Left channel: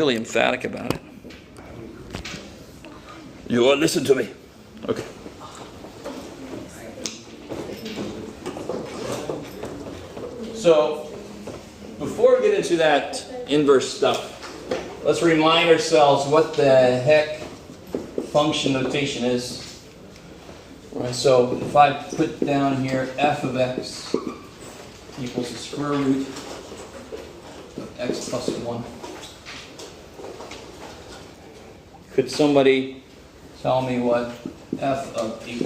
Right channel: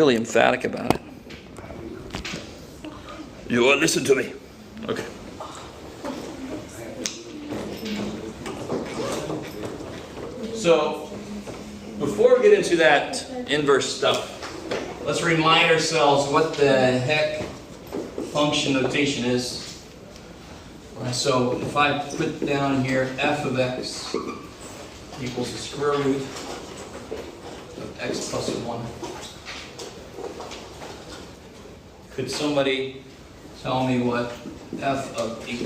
really emphatic about it. You will listen to me. Okay. So, before we get into that inverse stuff, let's remind ourselves what the heck function notation is. So, if I put down here f of x equals the square root of x plus 1. Could somebody tell me what f of 8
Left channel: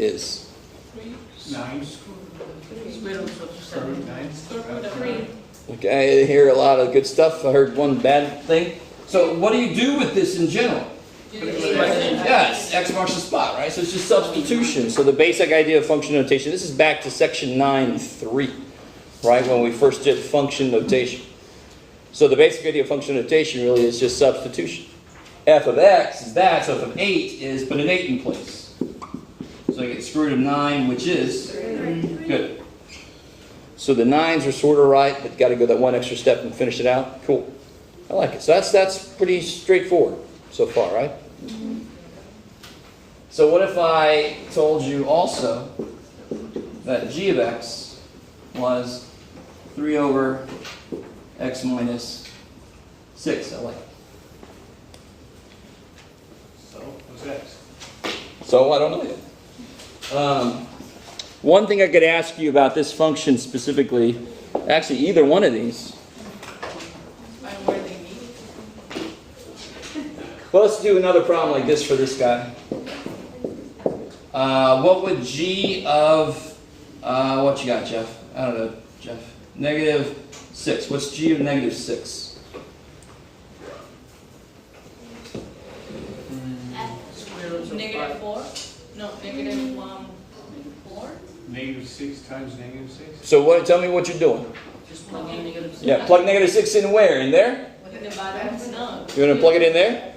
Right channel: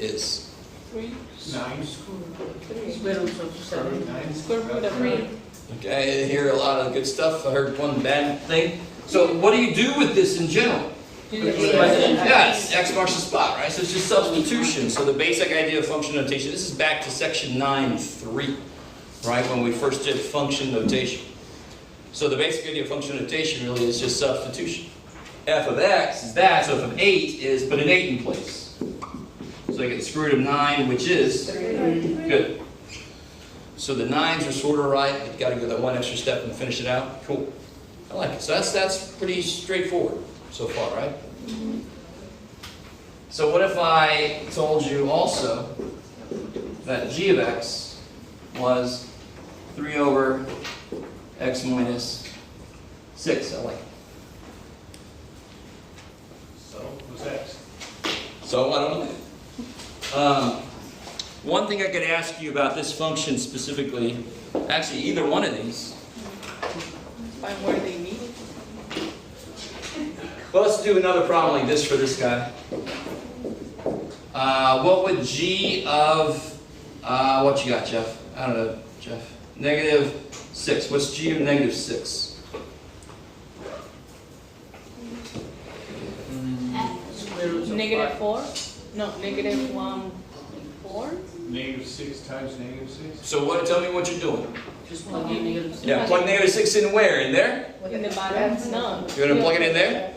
is? 9. Square root of 7. 9. Square root of 3. Okay, I hear a lot of good stuff. I heard one bad thing. So what do you do with this in general? Yes, x marks the spot, right? So it's just substitution. So the basic idea of function notation, this is back to section 9.3, right, when we first did function notation. So the basic idea of function notation really is just substitution. F of x is that, so f of 8 is put an 8 in place. So I get square root of 9, which is 3. Good. So the 9s are sort of right, but got to go that one extra step and finish it out. Cool. I like it. So that's pretty straightforward so far, right? Mm-hmm. So what if I told you also that g of x was 3 over x minus 6? I like it. So, what's x? So I don't know. One thing I could ask you about this function specifically, actually either one of these. Find where they meet. Well, let's do another problem like this for this guy. What would g of, what you got, Jeff? I don't know, Jeff. Negative 6. What's g of negative 6? Square root of negative 4? No, negative 1, 4? Negative 6 times negative 6? So what? Tell me what you're doing. Just plug in negative 6. Yeah, plug negative 6 in where? In there? In the bottom? No. You're going to plug it in there?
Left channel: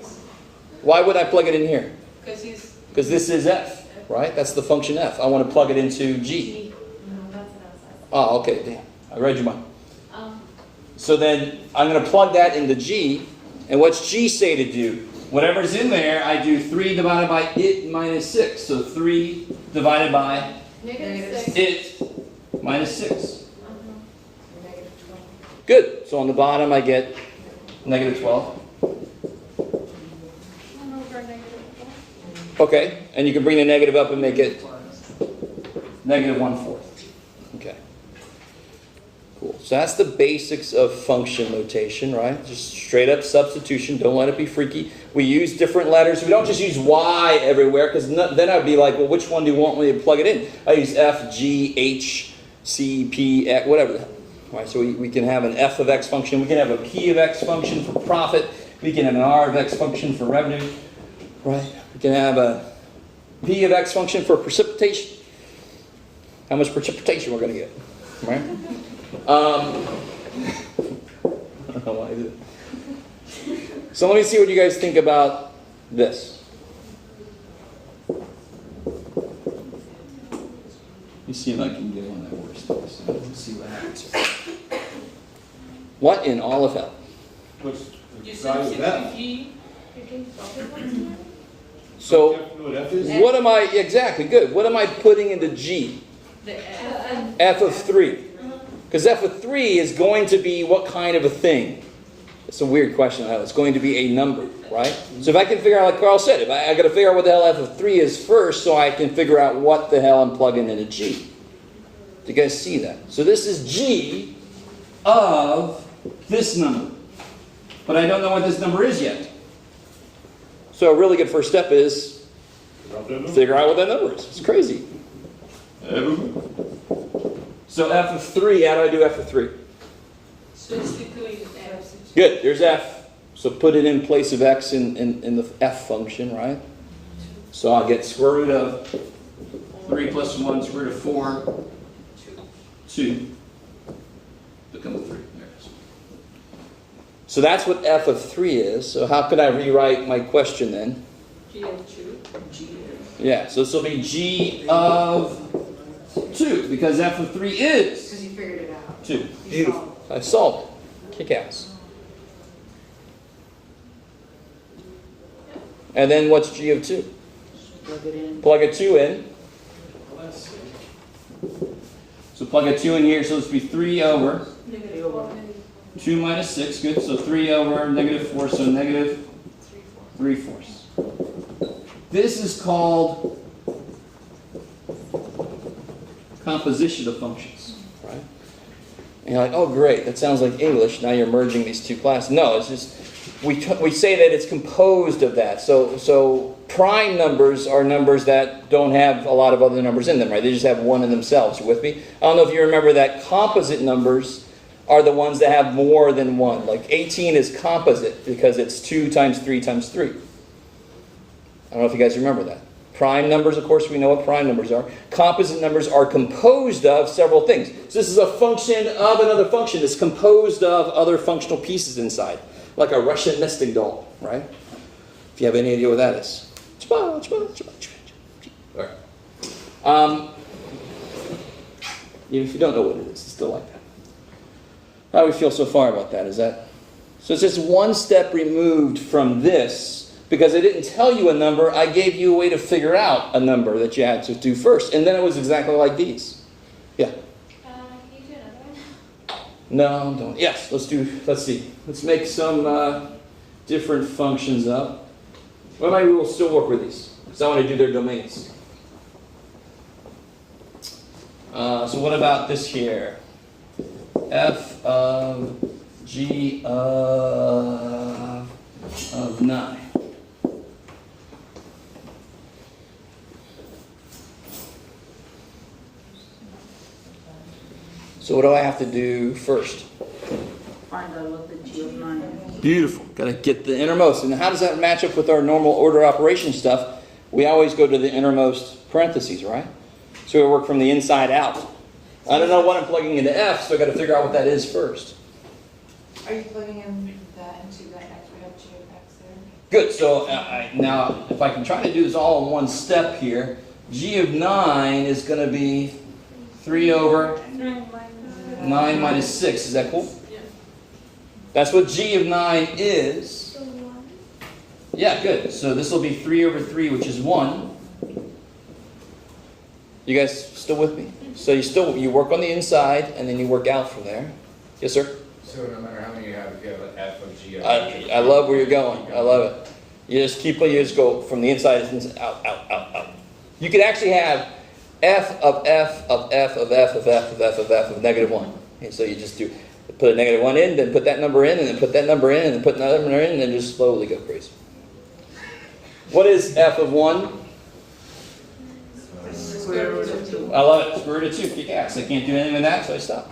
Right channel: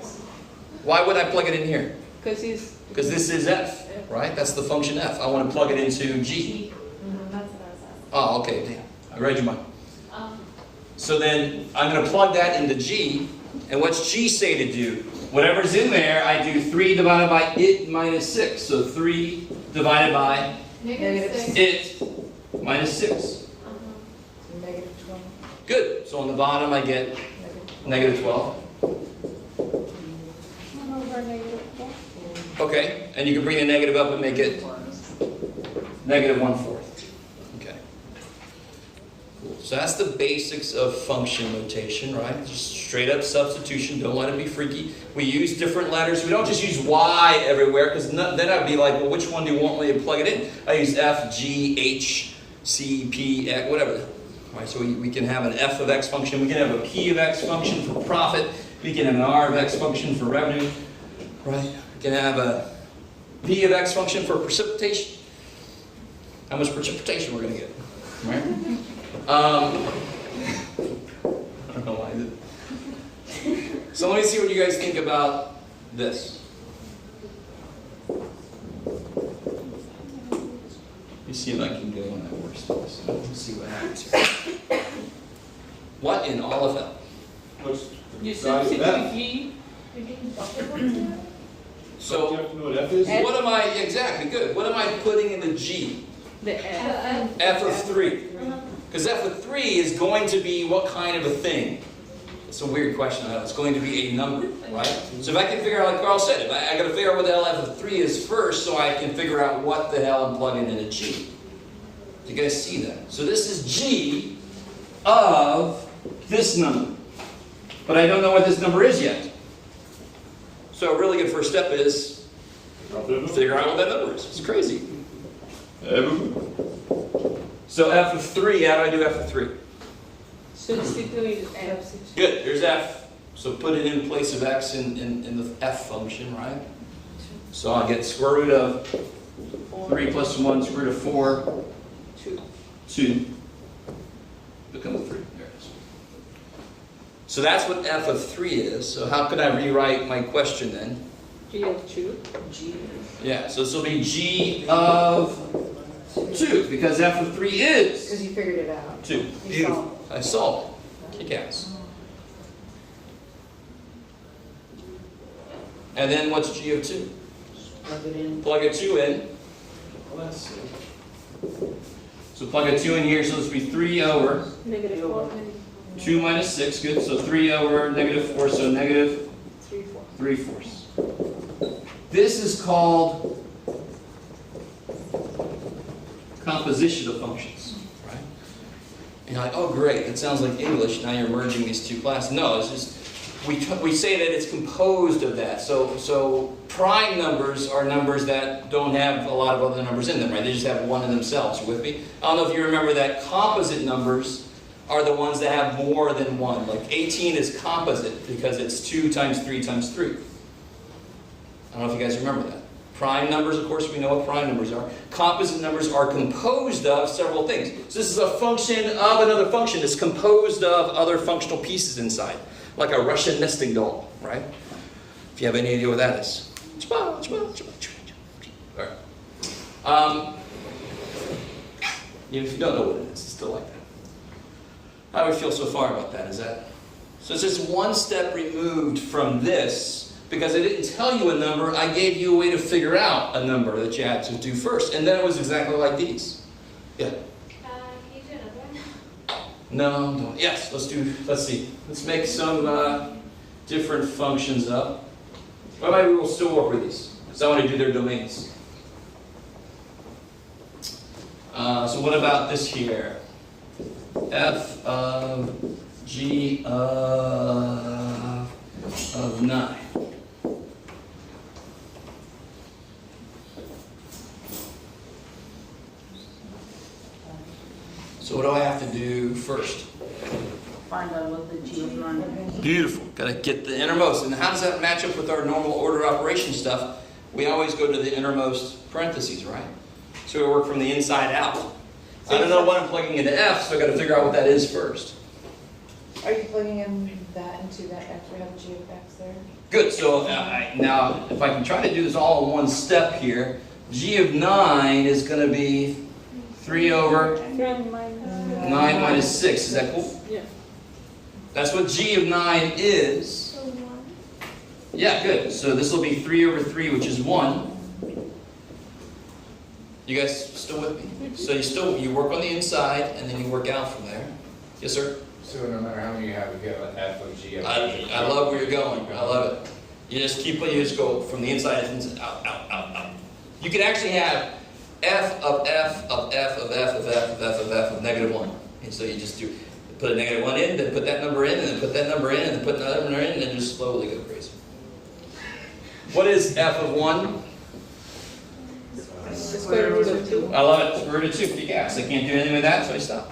Why would I plug it in here? Because this is f, right? That's the function f. I want to plug it into g. Oh, okay. Damn. I read your mind. So then I'm going to plug that into g. And what's g say to do? Whatever's in there, I do 3 divided by it minus 6. So 3 divided by it minus 6. Negative 12. Good. So on the bottom, I get negative 12. Okay. And you can bring the negative up and make it negative 1/4. Okay. Cool. So that's the basics of function notation, right? Just straight up substitution. Don't let it be freaky. We use different letters. We don't just use Y everywhere, because then I'd be like, well, which one do you want me to plug it in? I use F, G, H, C, P, X, whatever. All right, so we can have an F of X function. We can have a P of X function for profit. We can have an R of X function for revenue. Right? We can have a P of X function for precipitation. How much precipitation we're going to get. Right? I don't know why I did it. So let me see what you guys think about this. You see if I can get one that works. Let's see what happens here. What in all of hell? What's the You size of f? G. So You have to know what f is? what am I, exactly, good. What am I putting into G? The F. F of 3. Because f of 3 is going to be what kind of a thing? It's a weird question. It's going to be a number, right? So if I can figure out, like Carl said, I got to figure out what the hell f of 3 is first, so I can figure out what the hell I'm plugging into G. Do you guys see that? So this is G of this number. But I don't know what this number is yet. So a really good first step is figure out what that number is. It's crazy. So f of 3, how do I do f of 3? Substitute F. Good, there's f. So put it in place of x in the f function, right? So I'll get square root of 3 plus 1, square root of 4, 2, become a 3. There it is. So that's what f of 3 is. So how could I rewrite my question then? G of 2. Yeah, so this will be g of 2, because f of 3 is Because you figured it out. 2. Beautiful. I solved it. Kick ass. And then what's g of 2? Plug it in. Plug a 2 in. Well, that's it. So plug a 2 in here, so this would be 3 over Negative 4. 2 minus 6. Good. So 3 over negative 4, so negative 3/4. This is called composition of functions. Right? And you're like, oh great, that sounds like English. Now you're merging these two classes. No, it's just we say that it's composed of that. So prime numbers are numbers that don't have a lot of other numbers in them, right? They just have one in themselves. You with me? I don't know if you remember that composite numbers are the ones that have more than one. Like 18 is composite because it's 2 times 3 times 3. I don't know if you guys remember that. Prime numbers, of course, we know what prime numbers are. Composite numbers are composed of several things. So this is a function of another function. It's composed of other functional pieces inside. Like a Russian nesting doll, right? If you have any idea what that is. Right. Even if you don't know what it is, it's still like that. How do we feel so far about that? So it's just one step removed from this, because I didn't tell you a number, I gave you a way to figure out a number that you had to do first. And then it was exactly like these. Yeah. No, don't. Yes, let's see. Let's make some different functions up. Well, maybe we'll still work with these, because I want to do their domains. So what about this here? F of G of 9. So what do I have to do first? Find out what the G of 9 is. Beautiful. Got to get the innermost. And how does that match up with our normal order operation stuff? We always go to the innermost parentheses, right? So we work from the inside out. I don't know what I'm plugging into F, so I got to figure out what that is first. Are you plugging in that into that X? We have G of X there. Good. So now, if I can try to do this all in one step here, G of 9 is going to be 3 over 9 minus 6. Is that cool? Yeah. That's what G of 9 is. Yeah, good. So this will be 3 over 3, which is 1. You guys still with me? So you work on the inside, and then you work out from there. Yes, sir? So no matter how many you have, you get an F of G of I love where you're going. I love it. You just go from the inside out, out, out, out. You could actually have F of F of F of F of F of F of F of negative 1. And so you just put a negative 1 in, then put that number in, and then put that number in, and then put another number in, and then just slowly go crazy. What is F of 1? Square root of 2. I love it. Square root of 2. Yes, I can't do anything with that, so I stop.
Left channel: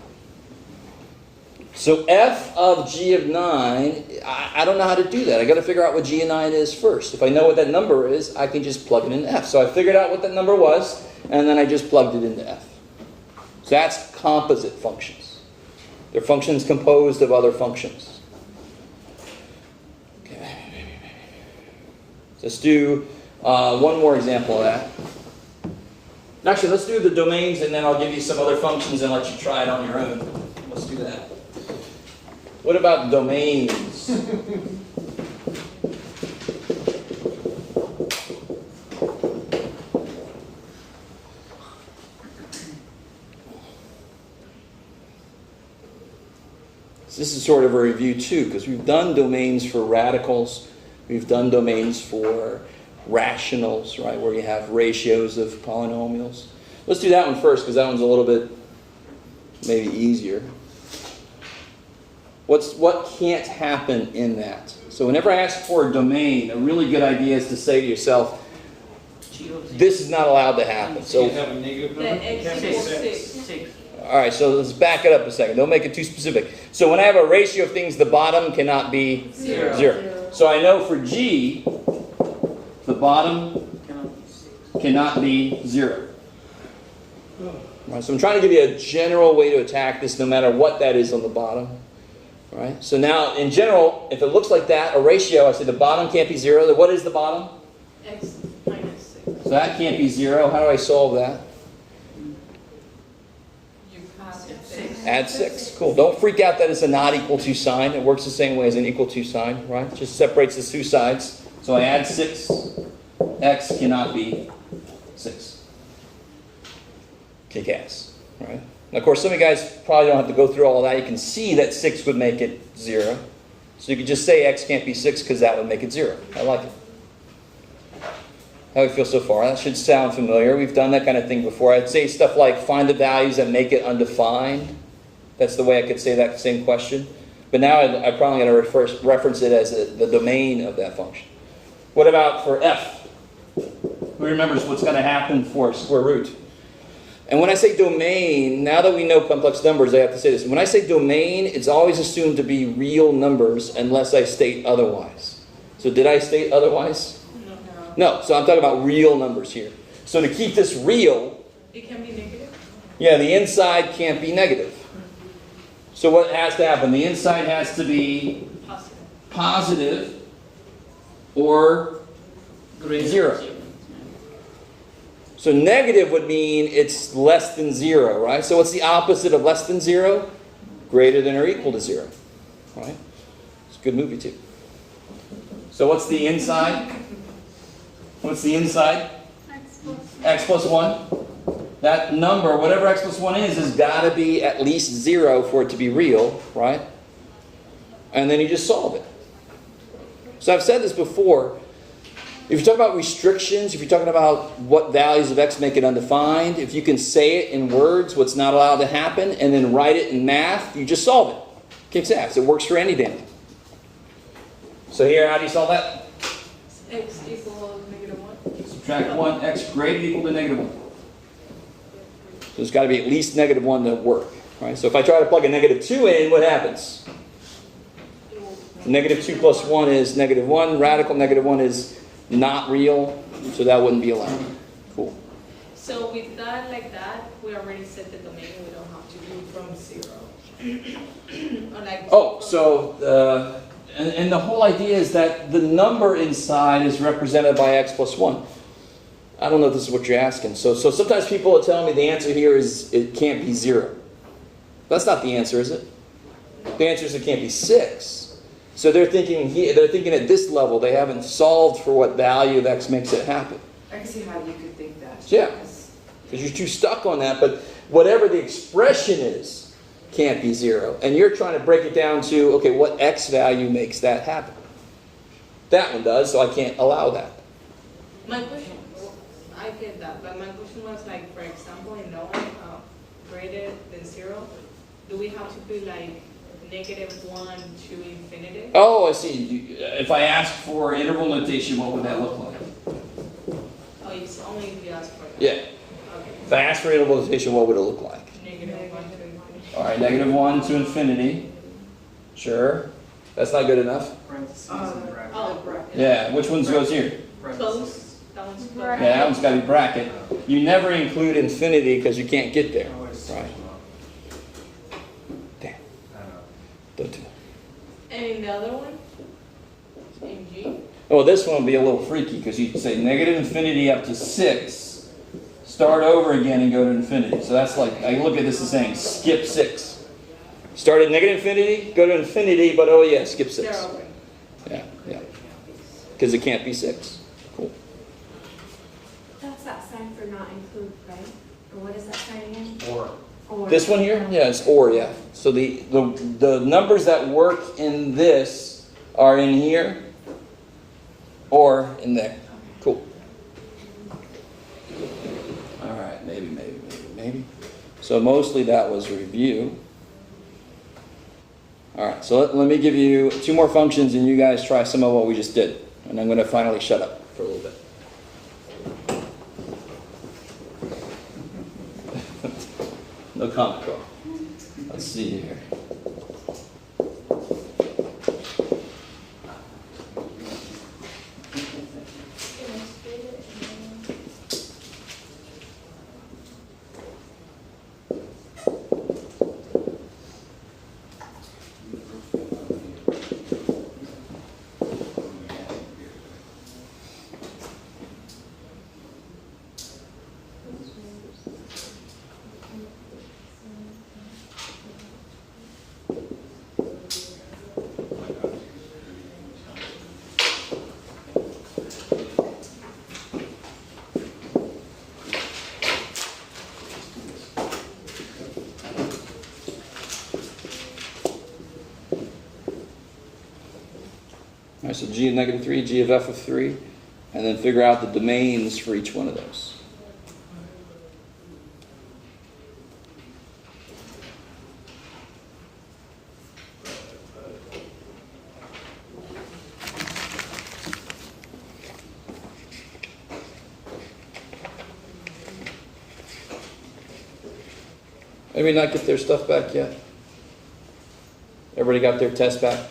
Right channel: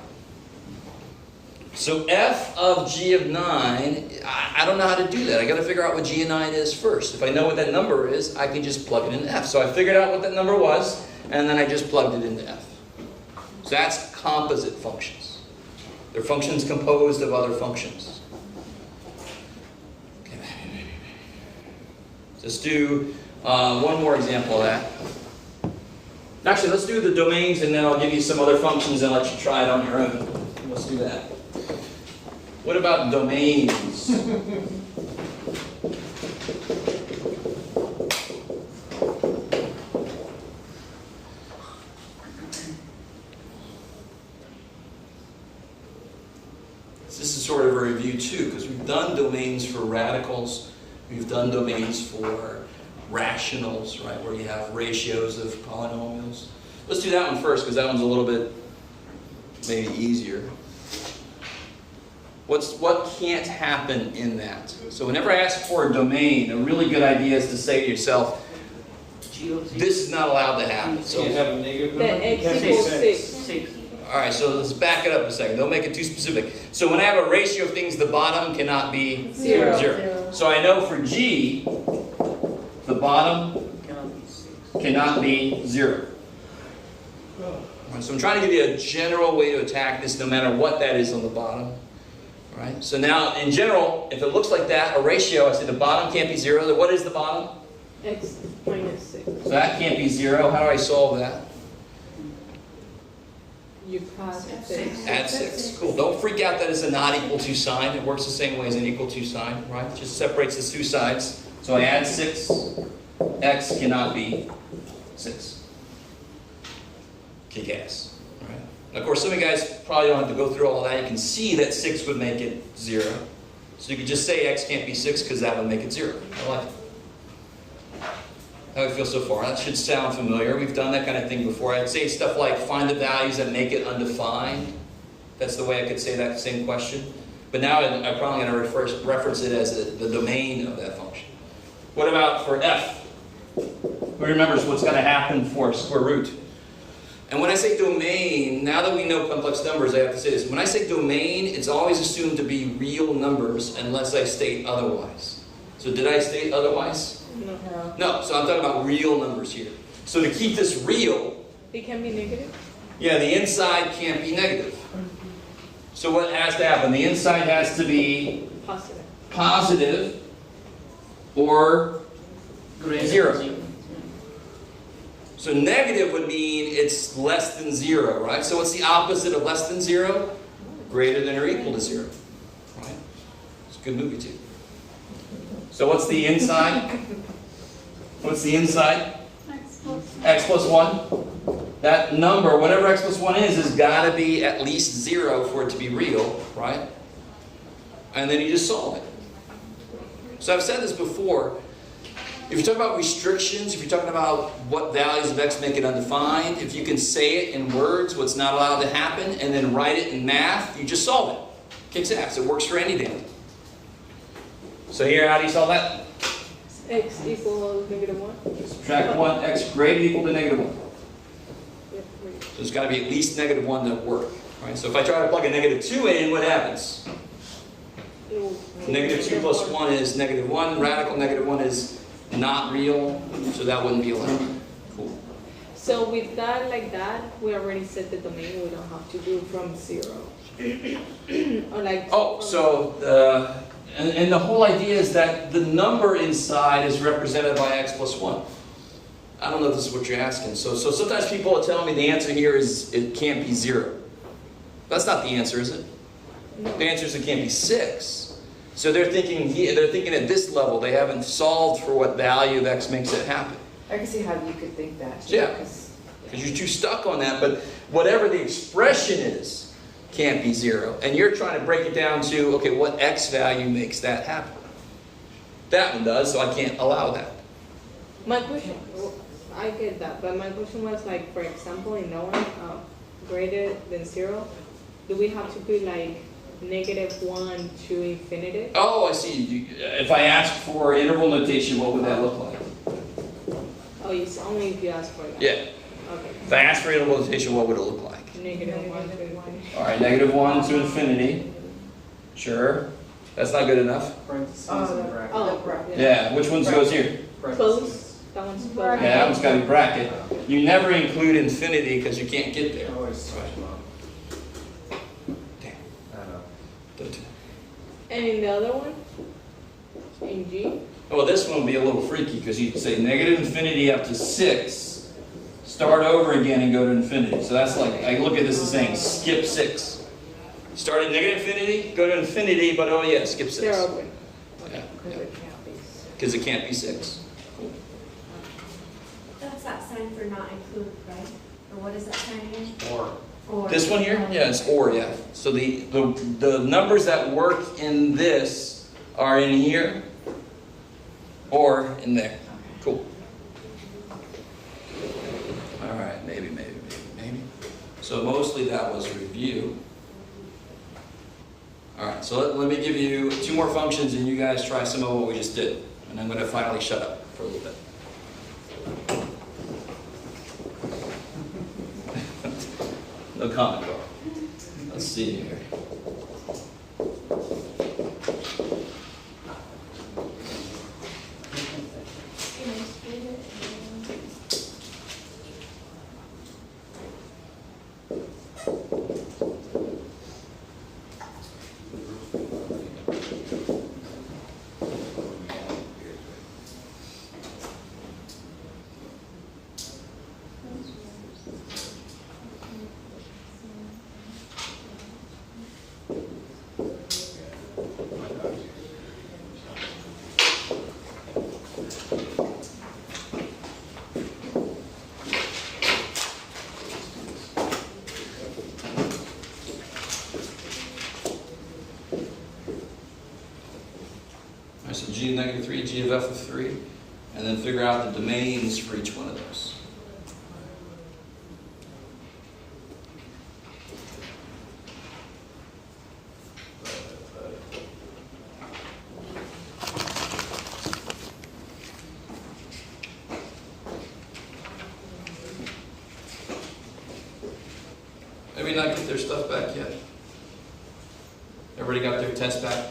So F of G of 9, I don't know how to do that. I got to figure out what G of 9 is first. If I know what that number is, I can just plug it into F. So I figured out what that number was, and then I just plugged it into F. So that's composite functions. They're functions composed of other functions. Okay. Let's do one more example of that. Actually, let's do the domains, and then I'll give you some other functions and let you try it on your own. Let's do that. What about domains? This is sort of a review too, because we've done domains for radicals, we've done domains for rationals, right, where you have ratios of polynomials. Let's do that one first, because that one's a little bit maybe easier. What can't happen in that? So whenever I ask for a domain, a really good idea is to say to yourself, this is not allowed to happen. So you have a negative number? The X equals 6. all right, so let's back it up a second. Don't make it too specific. So when I have a ratio of things, the bottom cannot be zero. So I know for G, the bottom cannot be 0. Right, so I'm trying to give you a general way to attack this, no matter what that is on the bottom. Right. So now, in general, if it looks like that, a ratio, I say the bottom can't be 0. Then what is the bottom? X minus 6. So that can't be 0. How do I solve that? You add 6. Add 6. Cool. Don't freak out that it's a not equal to sign. It works the same way as an equal to sign, right? It just separates the two sides. So I add 6, x cannot be 6. Kick ass, right? Now, of course, some of you guys probably don't have to go through all of that. You can see that 6 would make it 0. So you could just say x can't be 6 because that would make it 0. I like it. How do you feel so far? That should sound familiar. We've done that kind of thing before. I'd say stuff like find the values that make it undefined. That's the way I could say that same question. But now I'm probably going to reference it as the domain of that function. What about for f? Who remembers what's going to happen for square root? And when I say domain, now that we know complex numbers, I have to say this. When I say domain, it's always assumed to be real numbers unless I state otherwise. So did I state otherwise? No, so I'm talking about real numbers here. So to keep this real, it can be negative? Yeah, the inside can't be negative. So what has to happen? The inside has to be positive or 0. So negative would mean it's less than 0, right? So what's the opposite of less than 0? Greater than or equal to 0. Right? It's a good movie too. So what's the inside? What's the inside? X plus 1. That number, whatever x plus 1 is, has got to be at least 0 for it to be real, right? And then you just solve it. So I've said this before. If you're talking about restrictions, if you're talking about what values of x make it undefined, if you can say it in words, what's not allowed to happen, and then write it in math, you just solve it. Kicks ass. It works for any damn. So here, how do you solve that? X equals -1. Subtract 1, x greater equal to -1. So it's got to be at least -1 to work. Right? So if I try to plug a -2 in, what happens? -2 plus 1 is -1. Radical -1 is not real, so that wouldn't be allowed. Cool. So with that, like that, we already set the domain. We don't have to do from 0. Or like. Oh, so and the whole idea is that the number inside is represented by x plus 1. I don't know if this is what you're asking. So sometimes people are telling me the answer here is it can't be 0. That's not the answer, is it? No. The answer is it can't be 6. So they're thinking at this level. They haven't solved for what value of x makes it happen. I can see how you could think that. Yeah. Because you're too stuck on that. But whatever the expression is, can't be 0. And you're trying to break it down to, okay, what x value makes that happen? That one does, so I can't allow that. My question, I get that, but my question was like, for example, in that one, greater than 0, do we have to put like -1 to infinity? Oh, I see. If I ask for interval notation, what would that look like? Oh, it's only if you ask for that. Yeah. Okay. If I ask for interval notation, what would it look like? -1 to infinity. All right, -1 to infinity. Sure. That's not good enough. Parentheses and brackets. Oh, Yeah, which ones goes here? Close. That one's close. Yeah, that one's got to be bracket. You never include infinity because you can't get there. Always switch them up. Damn. I know. Don't do that. And in the other one, in G, Oh, this one will be a little freaky because you can say -infinity up to 6, start over again and go to infinity. So that's like, I look at this as saying skip 6. Start at -infinity, go to infinity, but oh yeah, skip 6. they're open. Yeah, because it can't be 6. Cool. That's that sign for not include, right? Or what is that sign again? Or This one here? Yeah, it's or, yeah. So the numbers that work in this are in here or in there. Cool. All right, maybe. So mostly that was review. All right, so let me give you 2 more functions and you guys try some of what we just did. And I'm going to finally shut up for a little bit. No comment, though. Let's see here. Alright, so g of negative 3, g of f of 3, and then figure out the domains for each one of those. Anybody not get their stuff back yet? Everybody got their test back?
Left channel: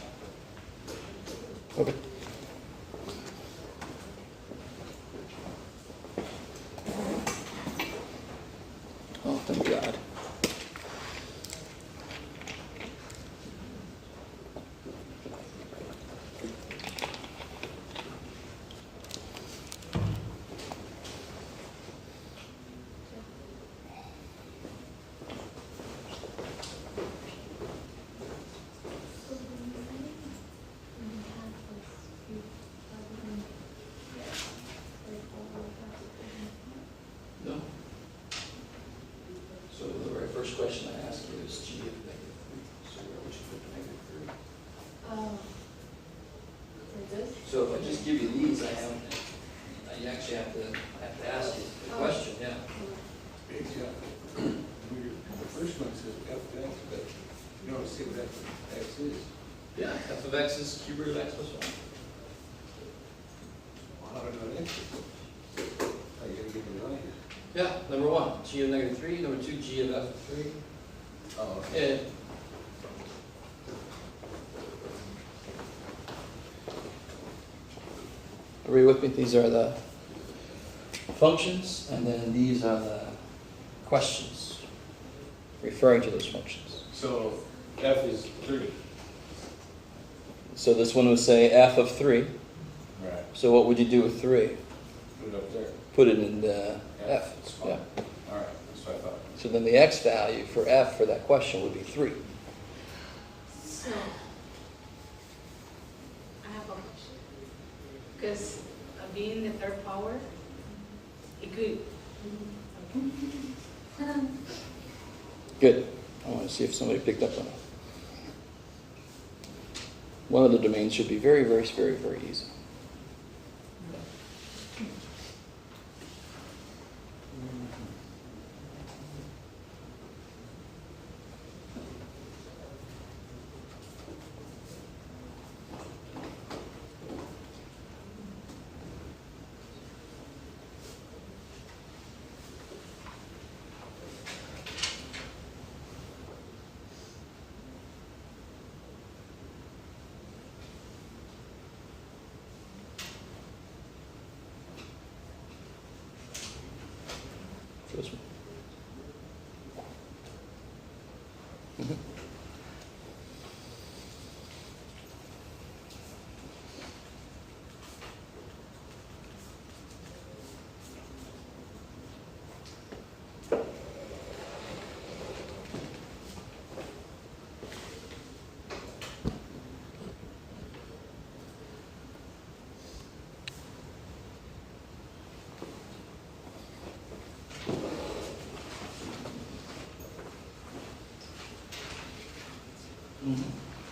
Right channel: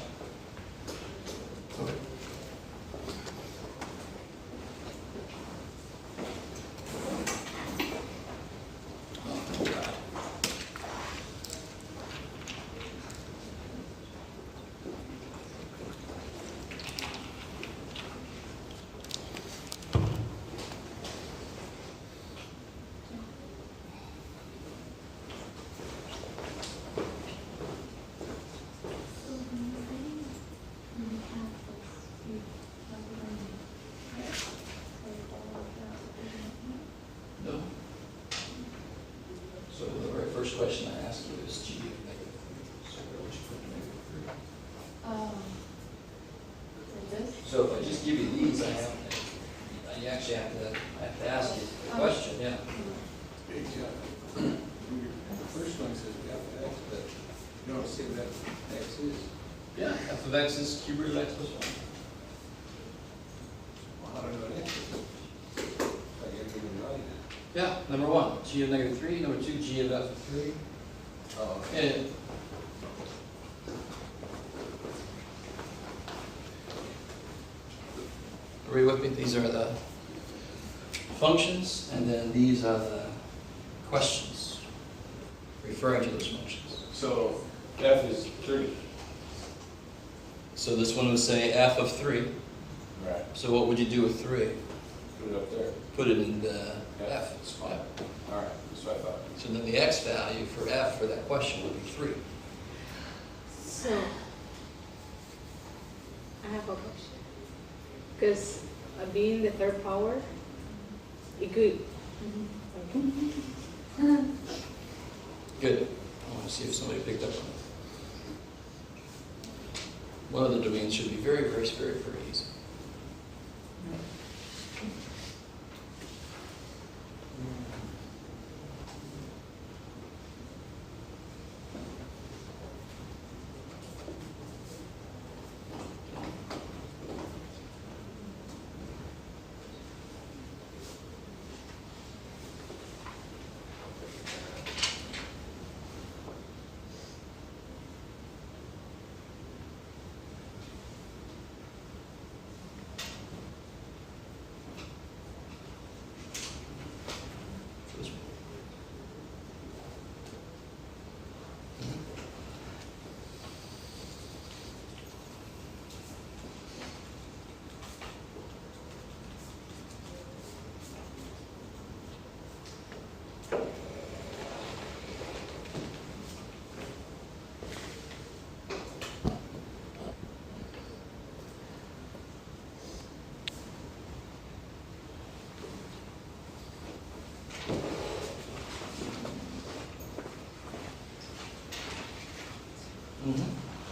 Okay. Oh, thank God. No. So the very first question I asked you is g of negative 3. So where would you put negative 3? Like this? So if I just give you these, you actually have to ask you the question, yeah. The first one says f of x, but you don't see what f of x is. Yeah, f of x is cube root of x plus 1. Well, how do I know what x is? I gotta give it right. Yeah, number 1, g of negative 3. Number 2, g of f of 3. Oh, okay. And are you with me? These are the functions, and then these are the questions referring to those functions. So f is 3. So this one would say f of 3. Right. So what would you do with 3? Put it up there. Put it in the Yeah, f. that's fine. All right, that's what I thought. So then the x value for f for that question would be 3. So, I have a question. Because being the third power, it could. Good. I want to see if somebody picked up on it. One of the domains should be very, very, very, very easy. This one.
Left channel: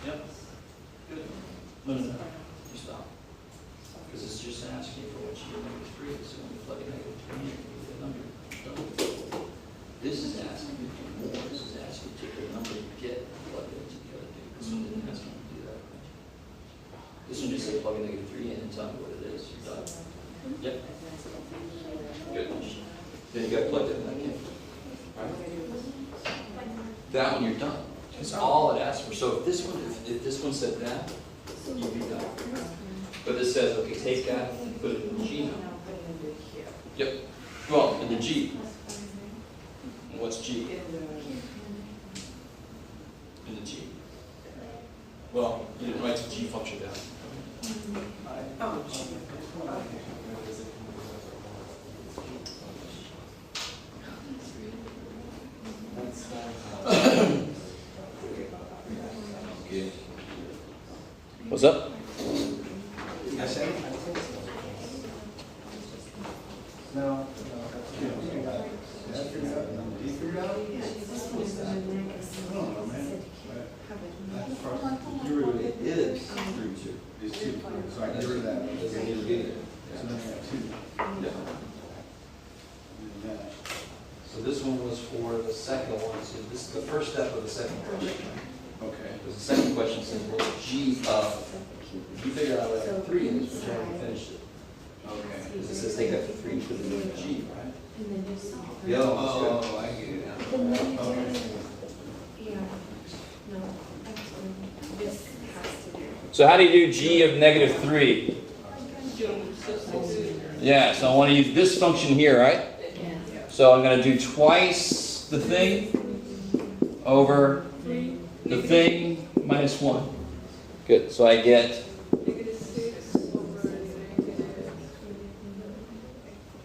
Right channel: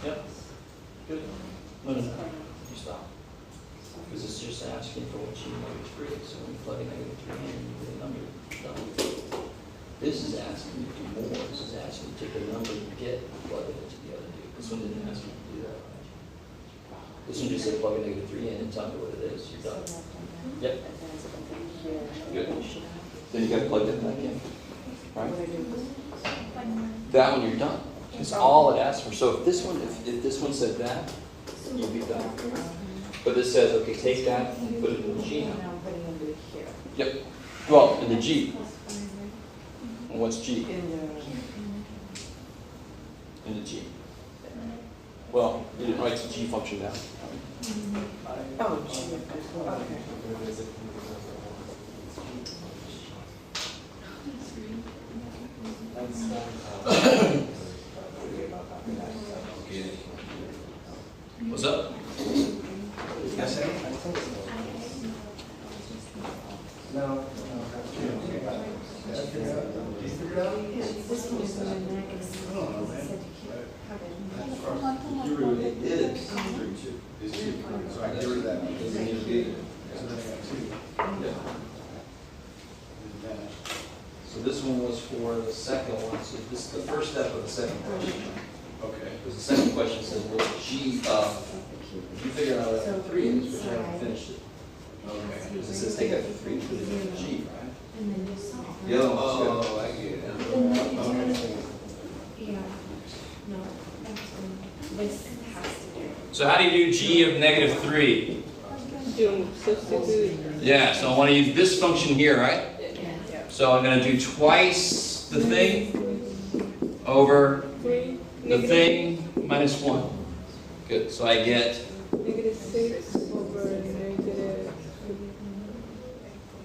Yep. Good. No, no, no. You stop. Because it's just asking for what you know it's free. So when you plug in negative 3 in, you get a number. Done. This is asking you to do more. This is asking you to take the number you get and plug it into the other two. This one didn't ask you to do that. This one just said plug in negative 3 in and tell me what it is. You're done. Yep. Good. Then you got to plug that back in. Right? That one you're done. That's all it asks for. So if this one said that, you'd be done. But it says, okay, take that and put it in the G now. Yep. Well, in the G. And what's G? In the G. Well, you didn't write the G function down. What's up? It is. 2. It's 2, so I get rid of that. It's a little bit. So then I got 2. Yeah. So this one was for the second one. So this is the first step of the second question. Okay. Because the second question says, well, G of, you figure out So 3, which we inside- haven't finished it. Okay. Because it says take that to 3 and put it in G, right? And then just solve. The other one's good. Oh, I get it now. And then, Okay. yeah, no, this has to do. So how do you do G of negative 3? You substitute. Yeah, so I want to use this function here, right? So I'm going to do twice the thing over 3, the thing minus 1. Good, so I get negative 6 over negative,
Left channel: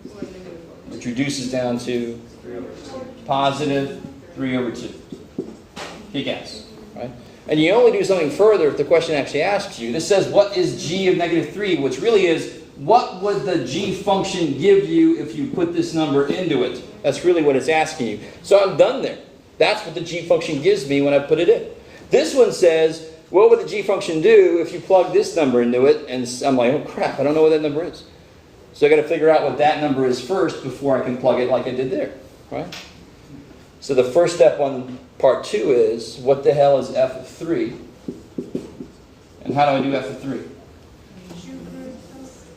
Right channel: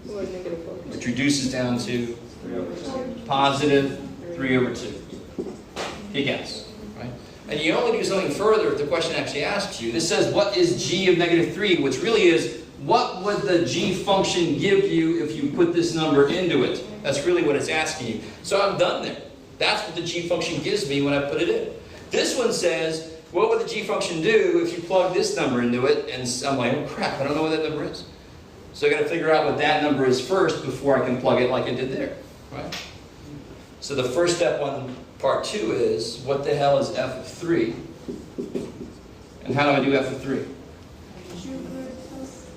or negative 4. which reduces down to positive 3 over 2. Kick ass, right? And you only do something further if the question actually asks you. This says, what is G of negative 3? Which really is, what would the G function give you if you put this number into it? That's really what it's asking you. So I'm done there. That's what the G function gives me when I put it in. This one says, what would the G function do if you plug this number into it? And I'm like, oh crap, I don't know what that number is. So I got to figure out what that number is first before I can plug it like I did there, right? So the first step on part 2 is, what the hell is f of 3? And how do I do f of 3?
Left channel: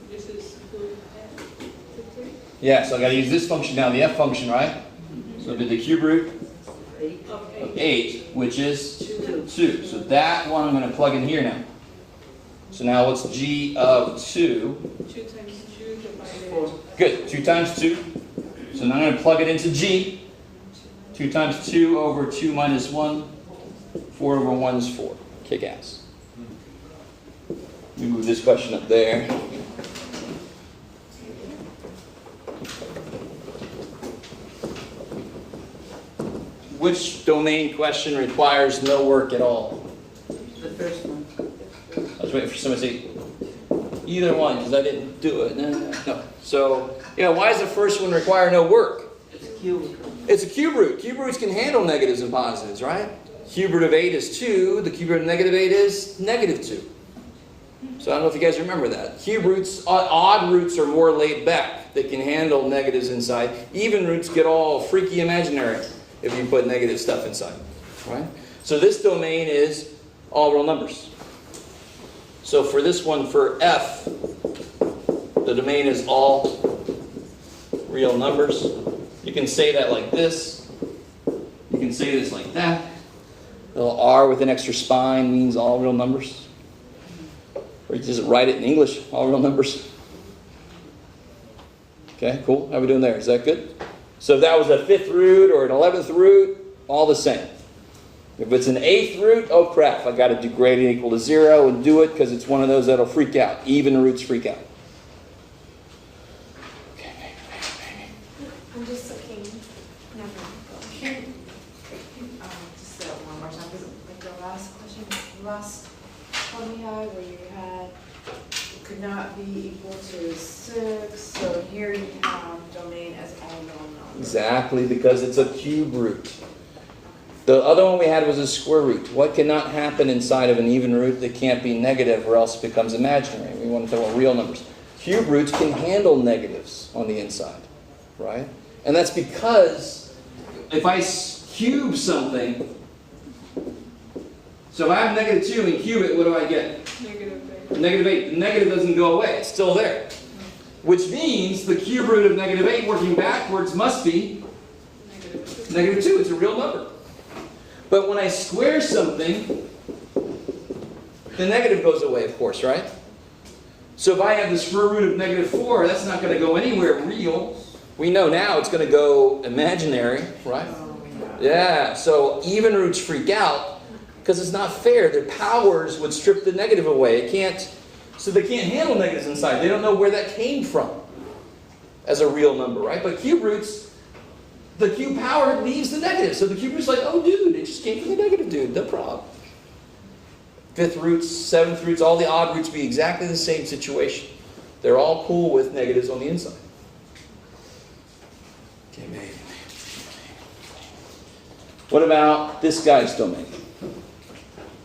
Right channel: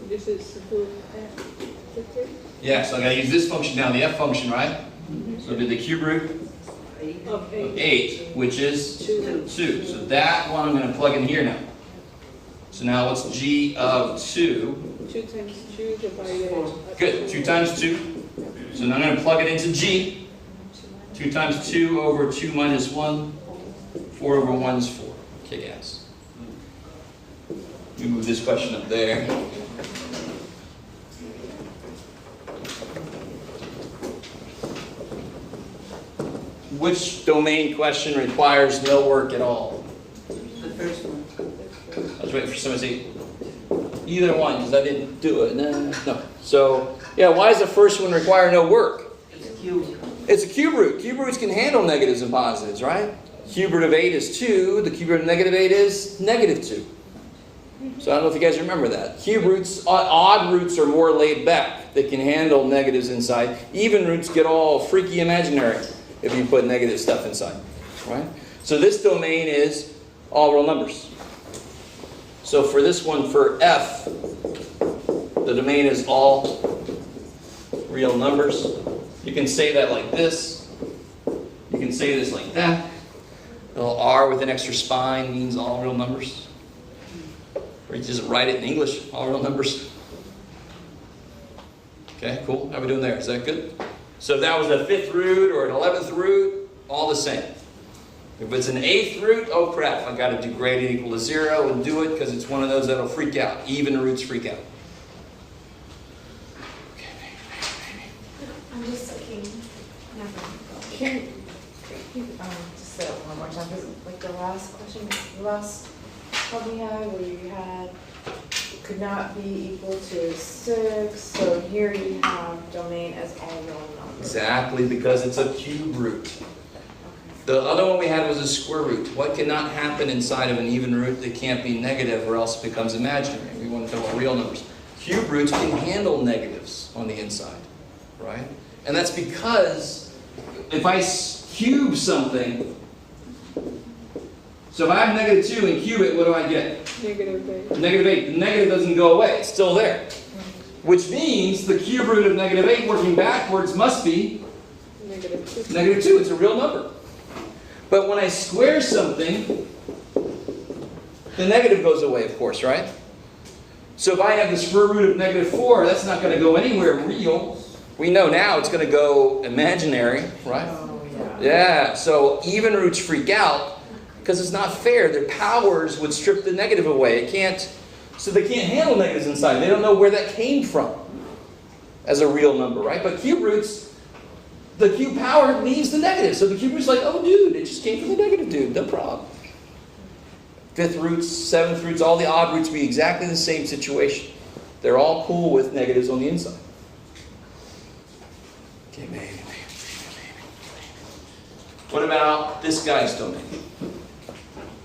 This is substitute. Yeah, so I got to use this function now, the f function, right? So I did the cube root Of of 8. 8, which is 2. 2. So that one I'm going to plug in here now. So now what's G of 2? 2 times 2 divided. Good, 2 times 2. So now I'm going to plug it into G. 2 times 2 over 2 minus 1. 4 over 1 is 4. Kick ass. Let me move this question up there. Which domain question requires no work at all? The first one. I was waiting for someone to say either one because I didn't do it. No. So, yeah, why does the first one require no work? It's cube. It's a cube root. Cube roots can handle negatives and positives, right? Cube root of 8 is 2. The cube root of negative 8 is negative 2. So I don't know if you guys remember that. Cube roots, odd roots are more laid back. They can handle negatives inside. Even roots get all freaky imaginary if you put negative stuff inside, right? So this domain is all real numbers. So for this one, for F, the domain is all real numbers. You can say that like this. You can say this like that. A little R with an extra spine means all real numbers. Or you just write it in English, all real numbers. Okay, cool. How are we doing there? Is that good? So if that was a 5th root or an 11th root, all the same. If it's an 8th root, oh crap, I got to do gradient equal to 0 and do it because it's one of those that'll freak out. Even roots freak out. I'm just looking, never Can, just say it one more time, because like the last question, the last one we had, where you had, it could not be equal to 6, so here you have domain as all known numbers. Exactly, because it's a cube root. The other one we had was a square root. What cannot happen inside of an even root? It can't be negative or else it becomes imaginary. We want to talk about real numbers. Cube roots can handle negatives on the inside, right? And that's because if I cube something, so if I have negative 2 and cube it, what do I get? Negative 8. Negative 8. The negative doesn't go away. It's still there. Which means the cube root of negative 8 working backwards must be Negative 2. negative 2. It's a real number. But when I square something, the negative goes away, of course, right? So if I have the square root of negative 4, that's not going to go anywhere real. We know now it's going to go imaginary, right? Yeah, so even roots freak out because it's not fair. Their powers would strip the negative away. It can't, so they can't handle negatives inside. They don't know where that came from as a real number, right? But cube roots, the cube power leaves the negative. So the cube root's like, oh, dude, it just came from the negative, dude. No problem. 5th roots, 7th roots, all the odd roots be exactly the same situation. They're all cool with negatives on the inside. Okay, maybe. What about this guy's domain?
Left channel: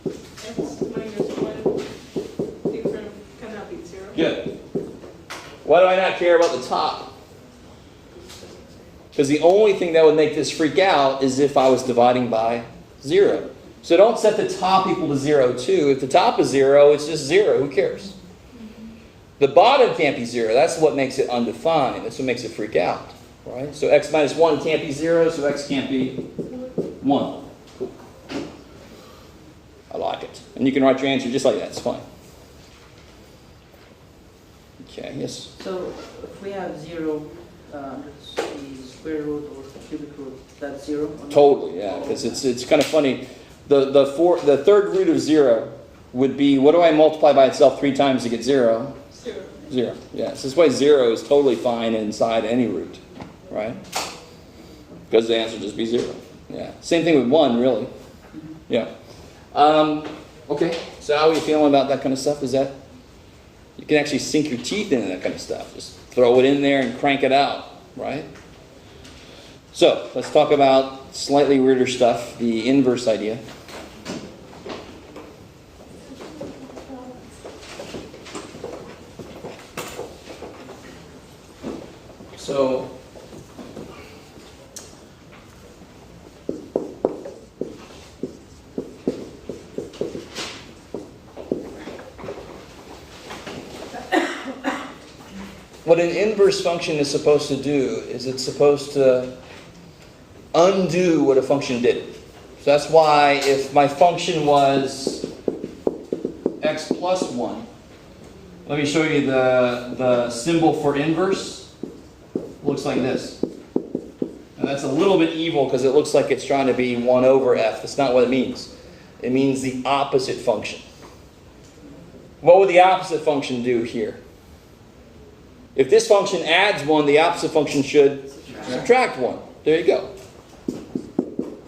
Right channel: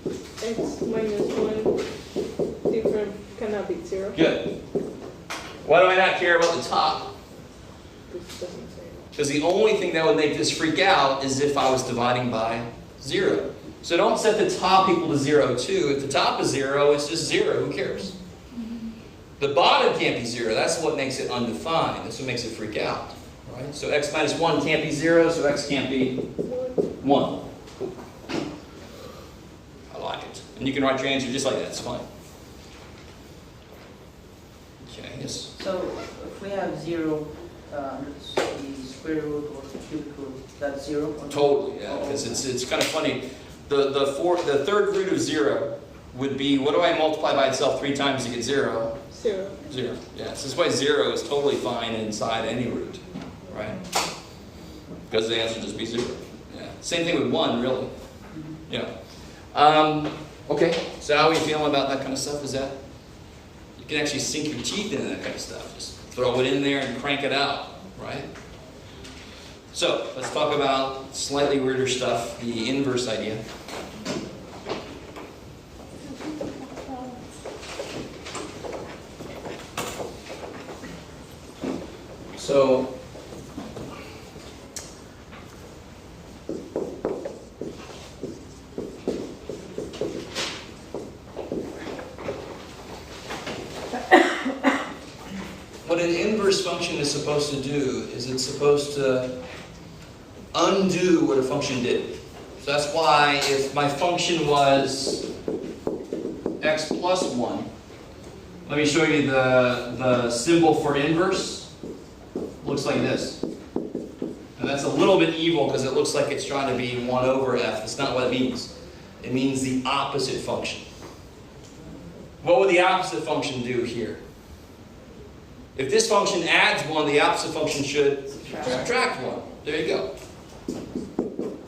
X minus 1 divided Why do I not care about the top? Because the only thing that would make this freak out is if I was dividing by 0. So don't set the top equal to 0 too. If the top is 0, it's just 0. Who cares? The bottom can't be 0. That's what makes it undefined. That's what makes it freak out. Right? So x minus 1 can't be 0, so x can't be 1. Cool. I like it. And you can write your answer just like that. It's fine. Okay, yes. So if we have 0, the square root or the cubic root, that's 0? Or Totally, yeah. Because it's kind of funny. The third root of 0 would be, what do I multiply by itself 3 times to get 0? 0. 0. Yeah. So this way 0 is totally fine inside any root. Right? Because the answer would just be 0. Yeah. Same thing with 1, really. Yeah. Okay. So how are you feeling about that kind of stuff? Is that you can actually sink your teeth into that kind of stuff. Just throw it in there and crank it out, right? So let's talk about slightly weirder stuff, the inverse idea. So what an inverse function is supposed to do is it's supposed to undo what a function did. So that's why if my function was x plus 1, let me show you the symbol for inverse. It looks like this. And that's a little bit evil because it looks like it's trying to be 1 over f. That's not what it means. It means the opposite function. What would the opposite function do here? If this function adds 1, the opposite function should subtract 1. There you go.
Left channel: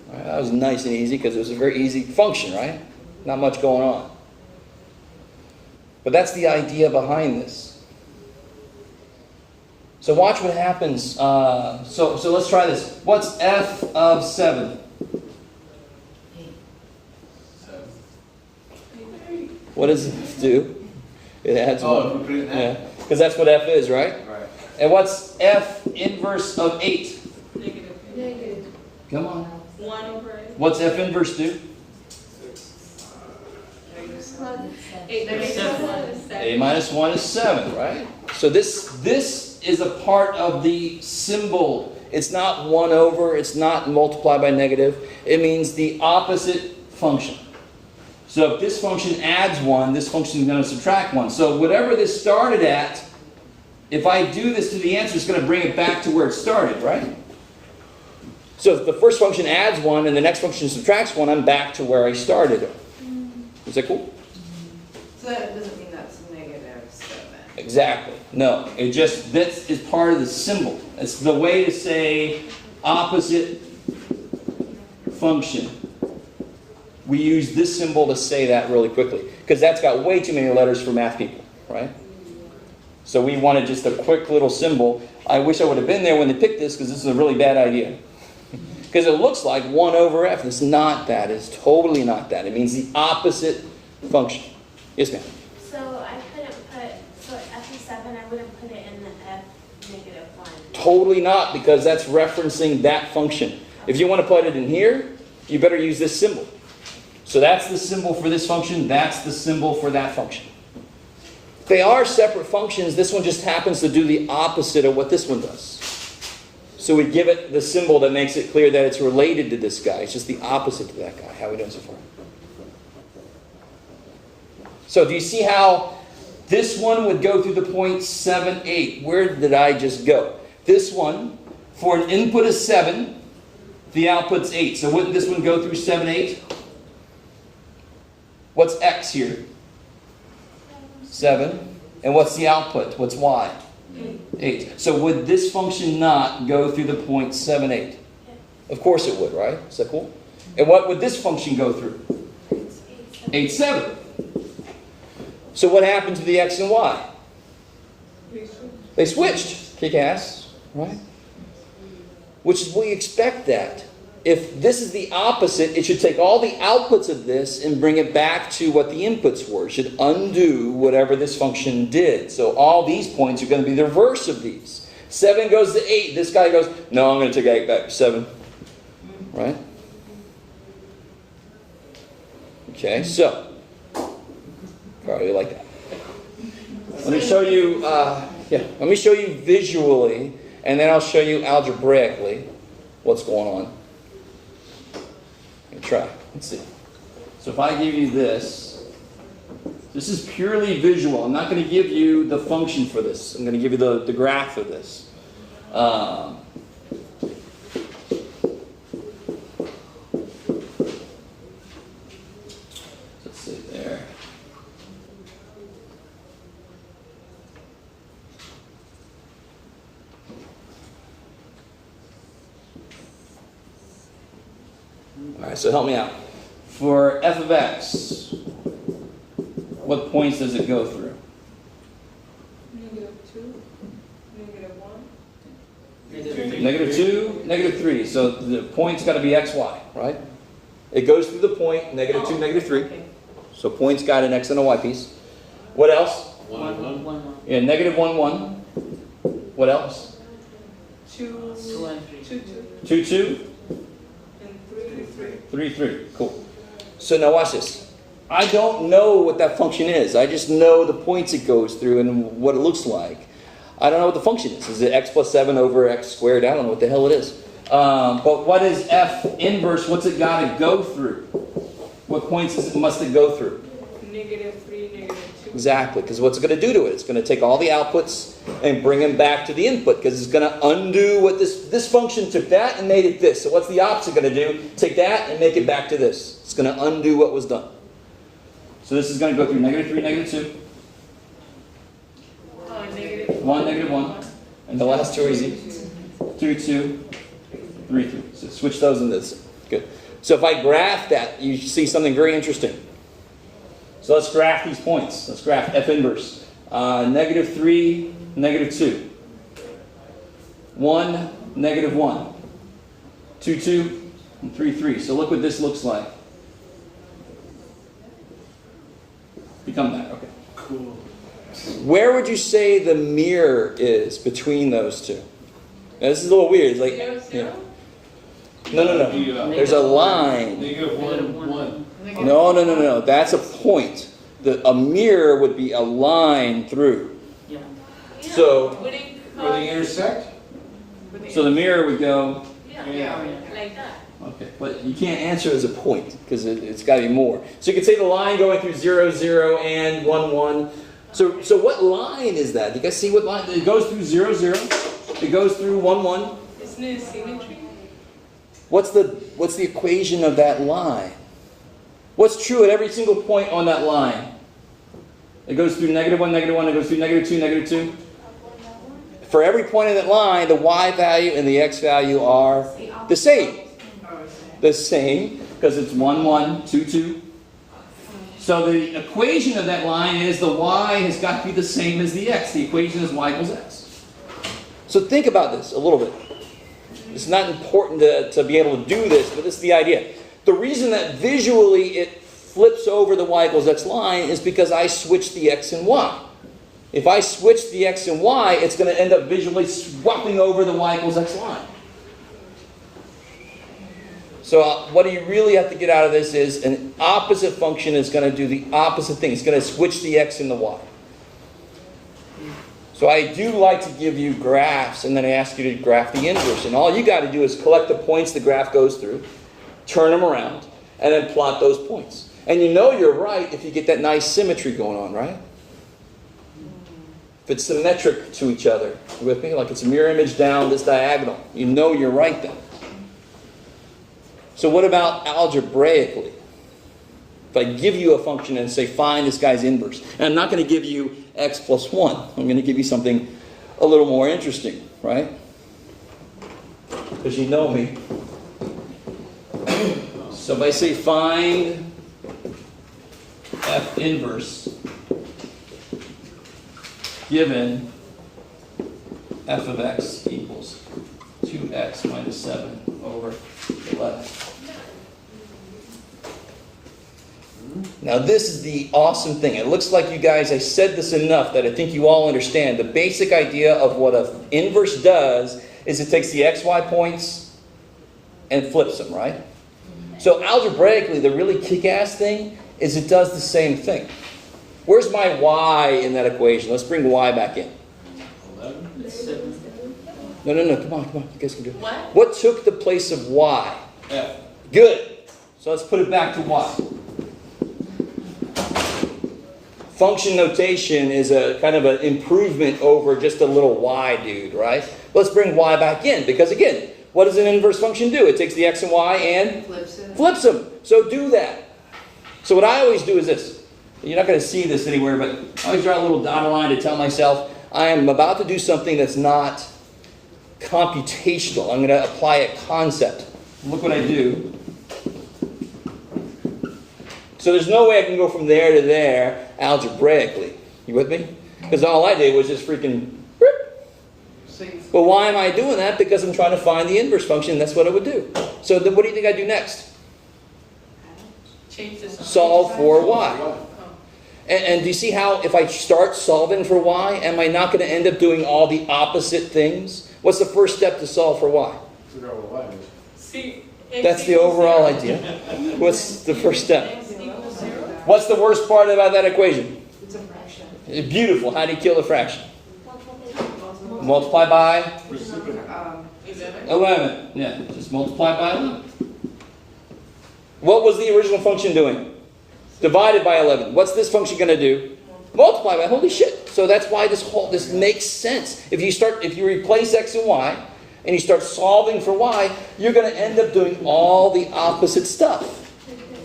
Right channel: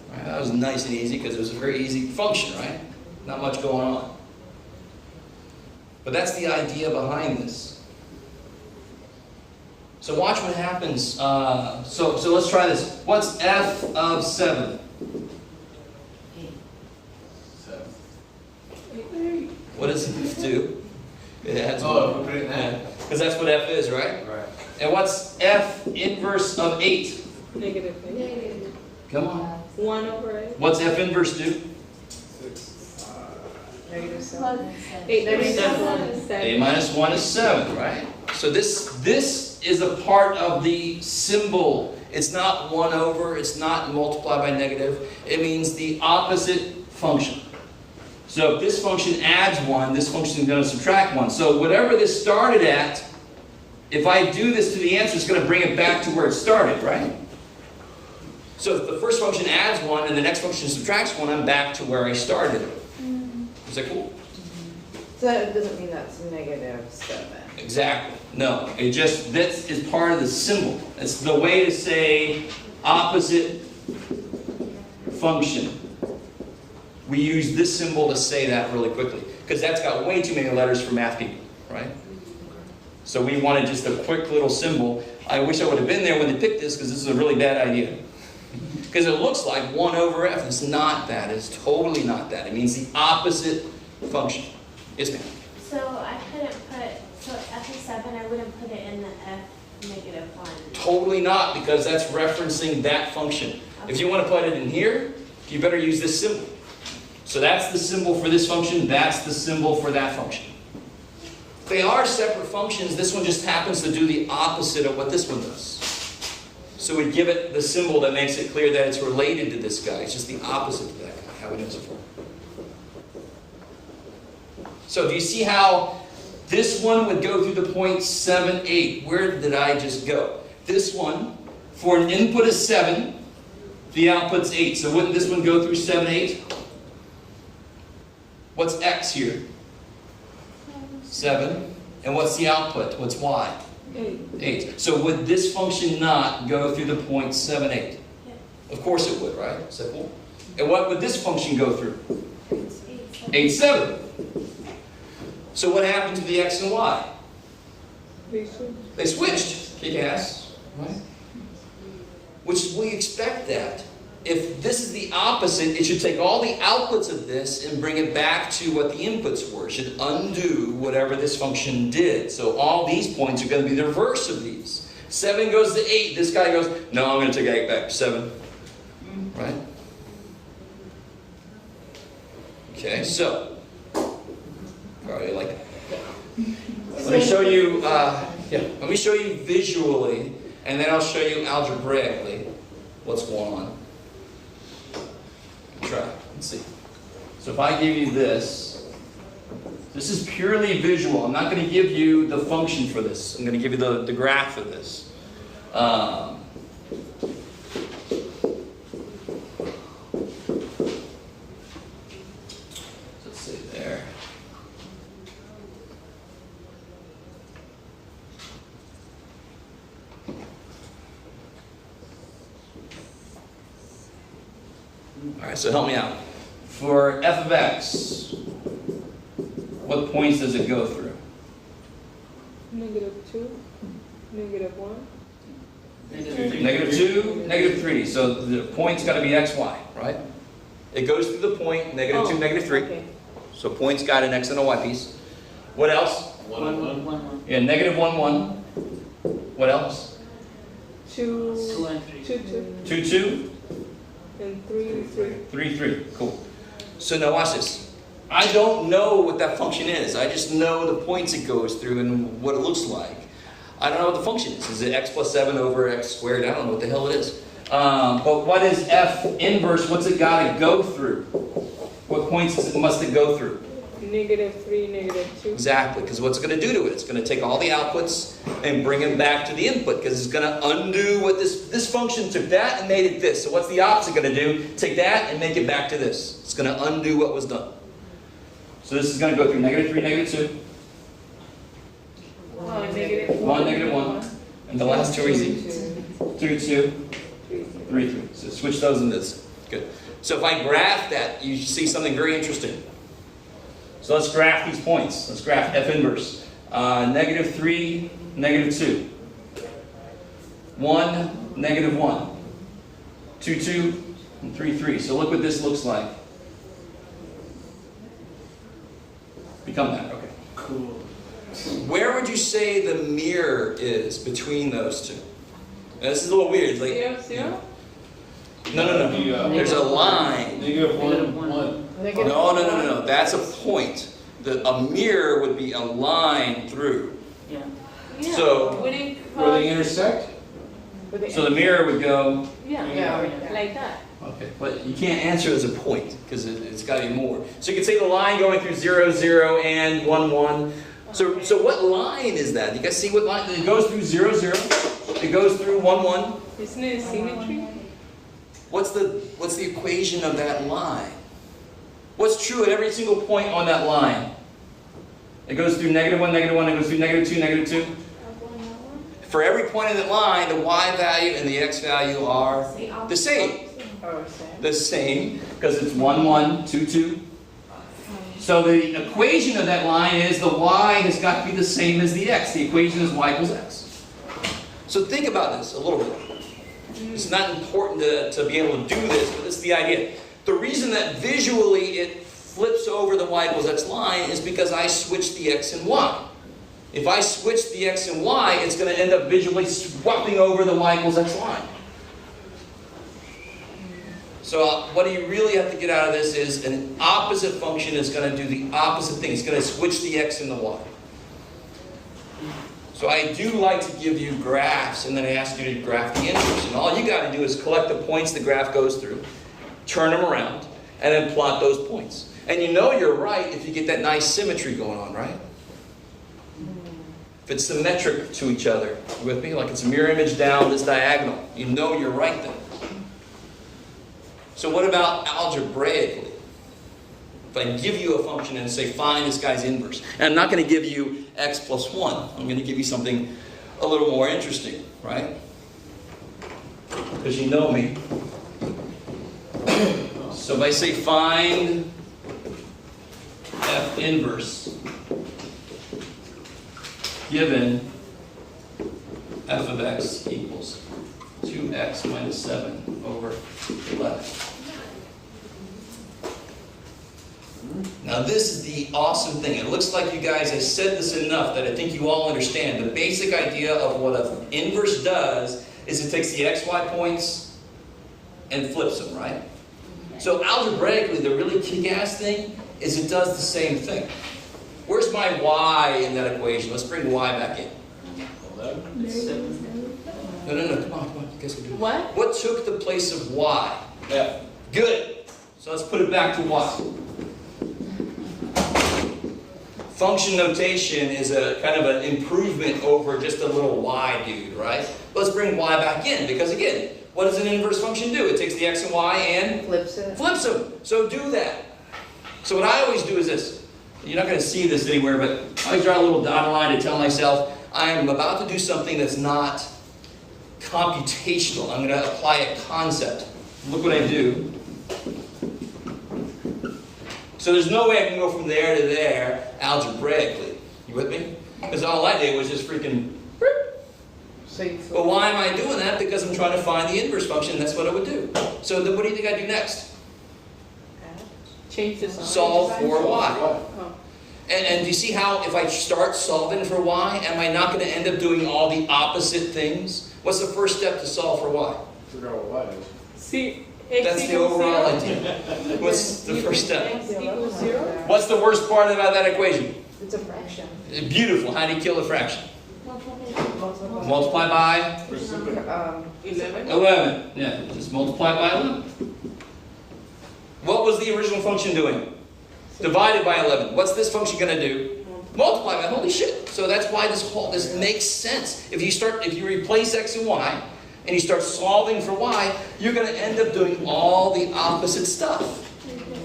Right, that was nice and easy because it was a very easy function, right? Not much going on. But that's the idea behind this. So watch what happens. So let's try this. What's f of 7? 7. What does it do? It adds 1. Oh, put it in that. Yeah. Because that's what f is, right? Right. And what's f inverse of 8? Negative. Come on. 1 over 8. What's f inverse do? Negative 7. Plus 8 7. minus 1 is 7. A minus 1 is 7, right? So this is a part of the symbol. It's not 1 over, it's not multiplied by negative. It means the opposite function. So if this function adds 1, this function is going to subtract 1. So whatever this started at, if I do this to the answer, it's going to bring it back to where it started, right? So if the first function adds 1 and the next function subtracts 1, I'm back to where I started it. Is that cool? So that doesn't mean that's negative 7. Exactly. No. It just, this is part of the symbol. It's the way to say opposite function. We use this symbol to say that really quickly. Because that's got way too many letters for math people, right? So we wanted just a quick little symbol. I wish I would have been there when they picked this because this is a really bad idea. Because it looks like 1 over f. It's not that. It's totally not that. It means the opposite function. Yes, ma'am? So I couldn't put, so f of 7, I wouldn't put it in the f negative 1. Totally not, because that's referencing that function. If you want to put it in here, you better use this symbol. So that's the symbol for this function. That's the symbol for that function. They are separate functions. This one just happens to do the opposite of what this one does. So we give it the symbol that makes it clear that it's related to this guy. It's just the opposite of that guy. How we doing so far? So do you see how this one would go through the point 7, 8? Where did I just go? This one, for an input of 7, the output's 8. So wouldn't this one go through 7, 8? What's x here? 7. And what's the output? What's y? 8. So would this function not go through the point 7, 8? Of course it would, right? Is that cool? And what would this function go through? 8, 7. So what happened to the x and y? They switched. Kick ass, right? Which we expect that. if this is the opposite, it should take all the outputs of this and bring it back to what the inputs were. It should undo whatever this function did. So all these points are going to be the reverse of these. 7 goes to 8. This guy goes, no, I'm going to take 8 back to 7. Right? Okay, so. Sorry, you like that. Let me show you, let me show you visually, and then I'll show you algebraically what's going on. Try. Let's see. So if I give you this is purely visual. I'm not going to give you the function for this. I'm going to give you the graph of this. Let's see there. Alright, so help me out. For f of x, what points does it go through? -2, -1. -2, -3. So the point's got to be x, y, right? It goes through the point, -2, -3. Okay. So point's got an x and a y piece. What else? 1, 1. Yeah, -1, 1. What else? 2, 2 and 3. 2, 2, 2. and 3, 3. 3, 3. Cool. So now watch this. I don't know what that function is. I just know the points it goes through and what it looks like. I don't know what the function is. Is it x plus 7 over x squared? I don't know what the hell it is. But what is f inverse? What's it got to go through? What points must it go through? -3, -2. Exactly, because what's it going to do to it? It's going to take all the outputs and bring them back to the input, because it's going to undo what this function took that and made it this. So what's the opposite going to do? Take that and make it back to this. It's going to undo what was done. So this is going to go through -3, -2. 1, -1. And the last two are easy. 2, 2, 3, 3. So switch those into this. Good. So if I graph that, you see something very interesting. So let's graph these points. Let's graph f inverse. -3, -2. 1, -1. 2, 2, and 3, 3. So look what this looks like. Become that. Okay. Cool. Where would you say the mirror is between those two? Now, this is a little weird. Like, 0, 0? no. There's a line. -1, 1. No. That's a point. A mirror would be a line through. Yeah. So, Would it Where they intersect? so the mirror would go. yeah, like that. Okay, but you can't answer it as a point because it's got to be more. So you could say the line going through 0, 0 and 1, 1. So what line is that? You guys see what line? It goes through 0, 0. It goes through 1, 1. Isn't it symmetry? What's the equation of that line? What's true at every single point on that line? It goes through -1, -1. It goes through -2, -2. For every point in that line, the y value and the x value are the same. The same, because it's 1, 1, 2, 2. So the equation of that line is the y has got to be the same as the x. The equation is y equals x. So think about this a little bit. It's not important to be able to do this, but this is the idea. The reason that visually it flips over the y equals x line is because I switch the x and y. If I switch the x and y, it's going to end up visually swapping over the y equals x line. So what you really have to get out of this is an opposite function is going to do the opposite thing. It's going to switch the x and the y. So I do like to give you graphs, and then I ask you to graph the inverse. And all you got to do is collect the points the graph goes through, turn them around, and then plot those points. And you know you're right if you get that nice symmetry going on, right? If it's symmetric to each other. You with me? Like it's a mirror image down this diagonal. You know you're right then. So what about algebraically? If I give you a function and say, find this guy's inverse. And I'm not going to give you x plus 1. I'm going to give you something a little more interesting, right? Because you know me. So if I say, find f inverse given f of x equals 2x minus 7 over over 11. Now this is the awesome thing. It looks like you guys, I said this enough that I think you all understand. The basic idea of what an inverse does is it takes the xy points and flips them, right? So algebraically, the really kick-ass thing is it does the same thing. Where's my y in that equation? Let's bring y back in. 11. No, come on, I guess we do. What? What took the place of y? F. Good. So let's put it back to y. Function notation is a kind of an improvement over just a little y dude, right? Let's bring y back in, because again, what does an inverse function do? It takes the x and y and flips them. So do that. So what I always do is this. You're not going to see this anywhere, but I always draw a little dotted line to tell myself I am about to do something that's not computational. I'm going to apply a concept. Look what I do. So there's no way I can go from there to there algebraically. You with me? Because all I did was just freaking... But why am I doing that? Because I'm trying to find the inverse function. That's what it would do. So then what do you think I do next? Change the sign. Solve for y. Oh. And do you see how if I start solving for y, am I not going to end up doing all the opposite things? What's the first step to solve for y? Figure out what y is. See, That's the overall idea. What's the first step? X equals 0? What's the worst part about that equation? It's a fraction. Beautiful. How do you kill a fraction? Multiply by 11. 11. Yeah, just multiply by 11. What was the original function doing? Divided by 11. What's this function going to do? Multiply by. Holy shit. So that's why this makes sense. If you replace x and y, and you start solving for y, you're going to end up doing all the opposite stuff.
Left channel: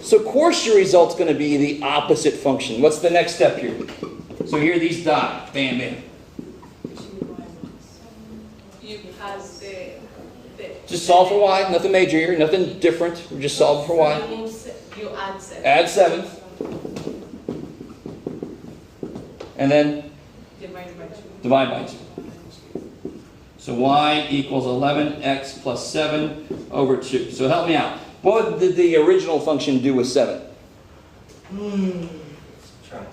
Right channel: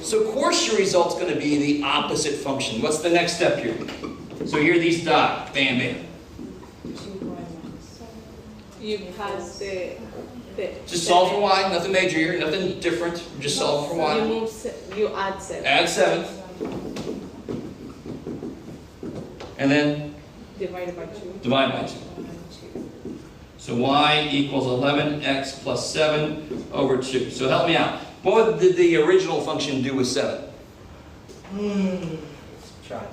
So of course your result's going to be the opposite function. What's the next step here? So here these dot. Bam, bam. You pass the Just solve for y. Nothing major here. Nothing different. You just solve for y. You add 7. Add 7. And then Divided by 2. divide by 2. So y equals 11x plus 7 over 2. So help me out. What did the original function do with 7?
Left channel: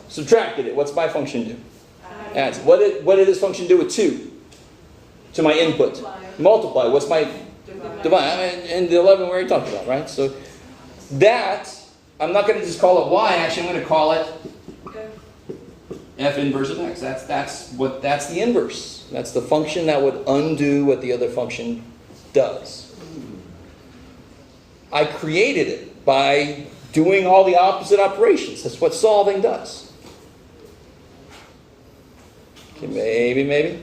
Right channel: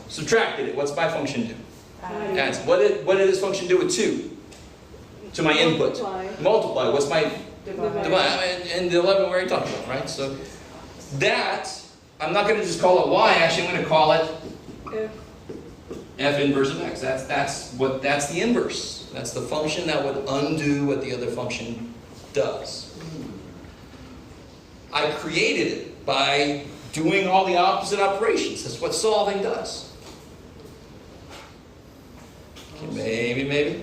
Subtracted it. What's my function do? Adds. What did this function do with 2? To my input. Multiply. What's my divide? And the 11 we already talked about, right? So that, I'm not going to just call it y. Actually, I'm going to call it f inverse of x. That's the inverse. That's the function that would undo what the other function does. I created it by doing all the opposite operations. That's what solving does. Maybe.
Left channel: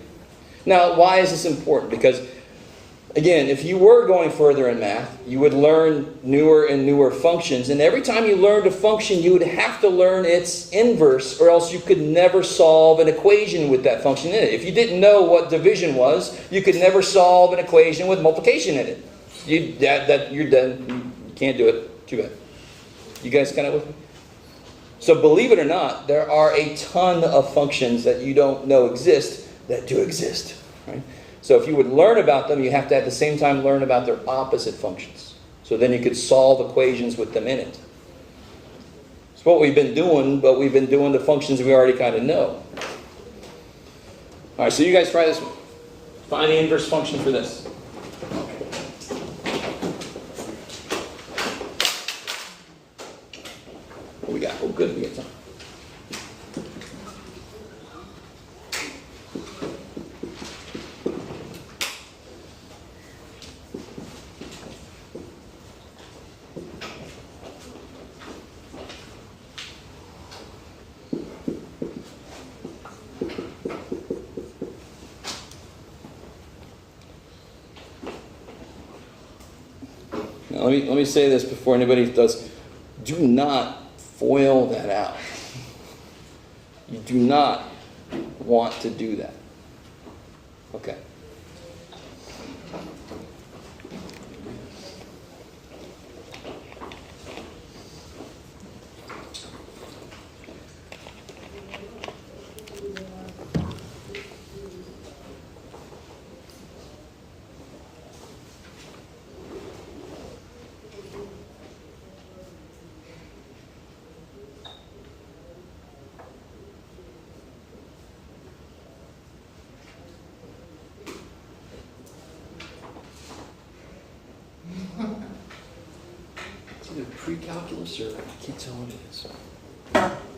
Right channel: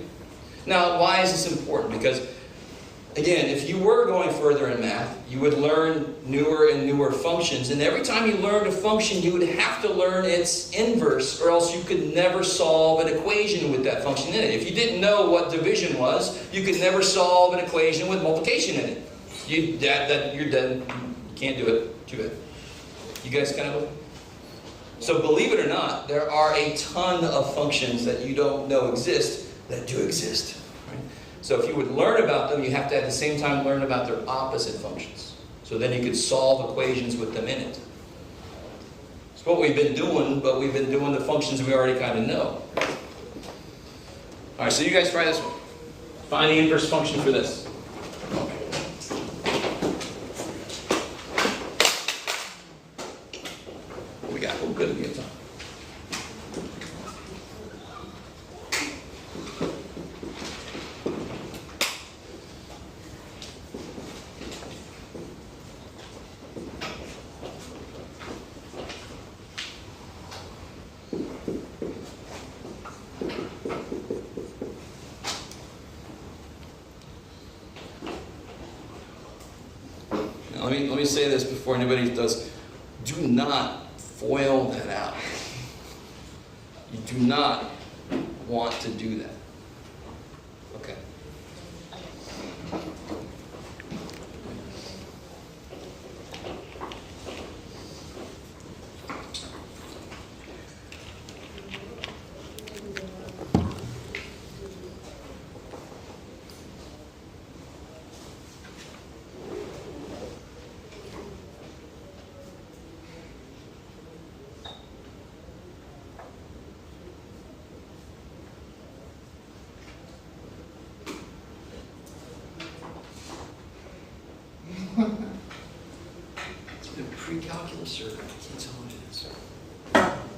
Now, why is this important? Because, again, if you were going further in math, you would learn newer and newer functions. And every time you learned a function, you would have to learn its inverse, or else you could never solve an equation with that function in it. If you didn't know what division was, you could never solve an equation with multiplication in it. You're done. You can't do it. Too bad. You guys kind of with me? So believe it or not, there are a ton of functions that you don't know exist that do exist. Right? So if you would learn about them, you have to at the same time learn about their opposite functions. So then you could solve equations with them in it. It's what we've been doing, but we've been doing the functions we already kind of know. All right, so you guys try this one. Find the inverse function for this. What we got? Oh, good. We got time. Now, let me say this before anybody does. Do not FOIL that out. You do not want to do that. Okay. pre-calculus or I can't tell what it is.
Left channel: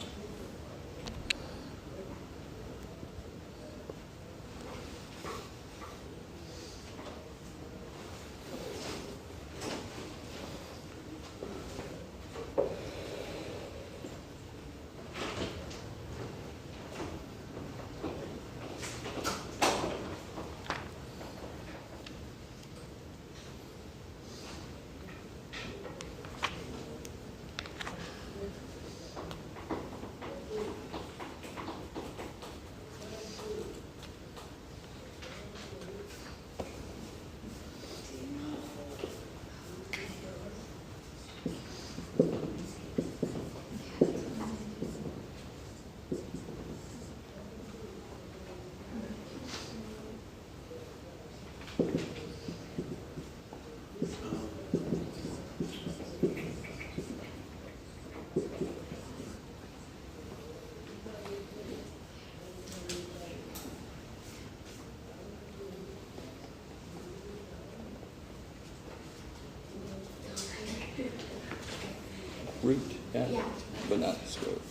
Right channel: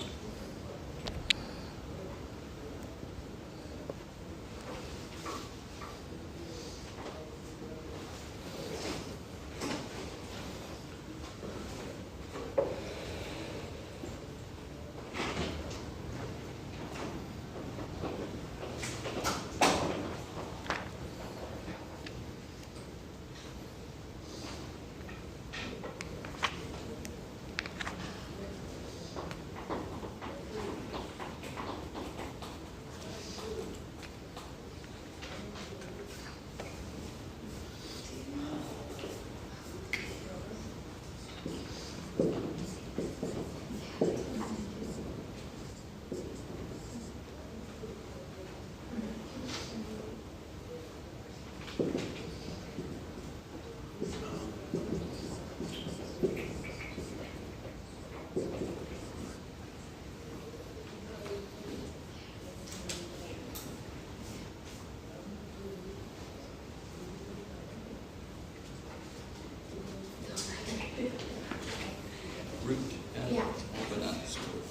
Root, yeah, Yeah. but not the square root.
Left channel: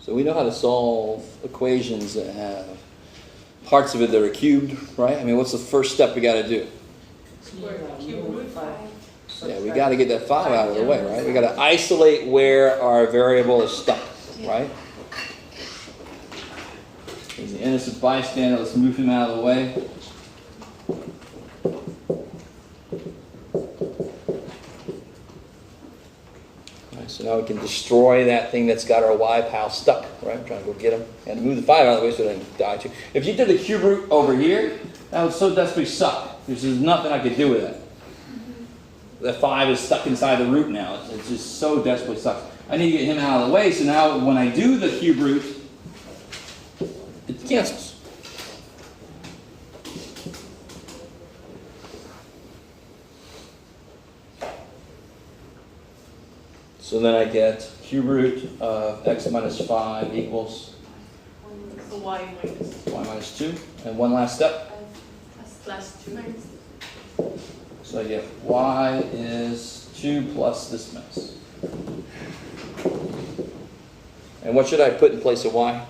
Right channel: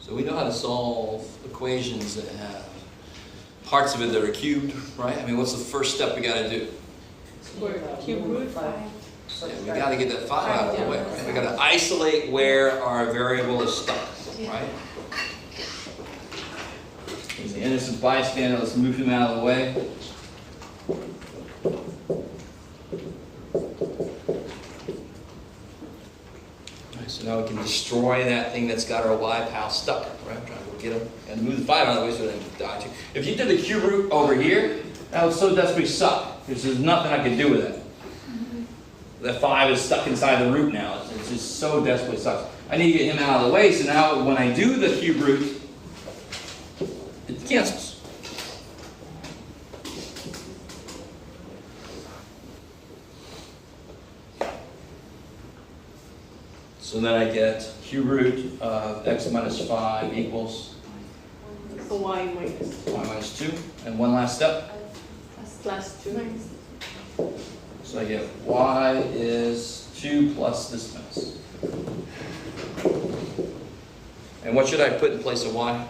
So we know how to solve equations that have parts of it that are cubed, right? I mean, what's the first step we got to do? Cube root 5. Yeah, we got to get that 5 out of the way, right? We got to isolate where our variable is stuck, right? He's the innocent bystander. Let's move him out of the way. Right, so now we can destroy that thing that's got our y pal stuck, right? Try to go get him. And move the 5 out of the way so they don't die too. If you did the cube root over here, that would so desperately suck. Because there's nothing I could do with it. That 5 is stuck inside the root now. It's just so desperately sucks. I need to get him out of the way, so now when I do the cube root, it cancels. So then I get cube root of x minus 5 equals So y minus y minus 2. And one last step. plus 2. So I get y is 2 plus this mess. And what should I put in place of y?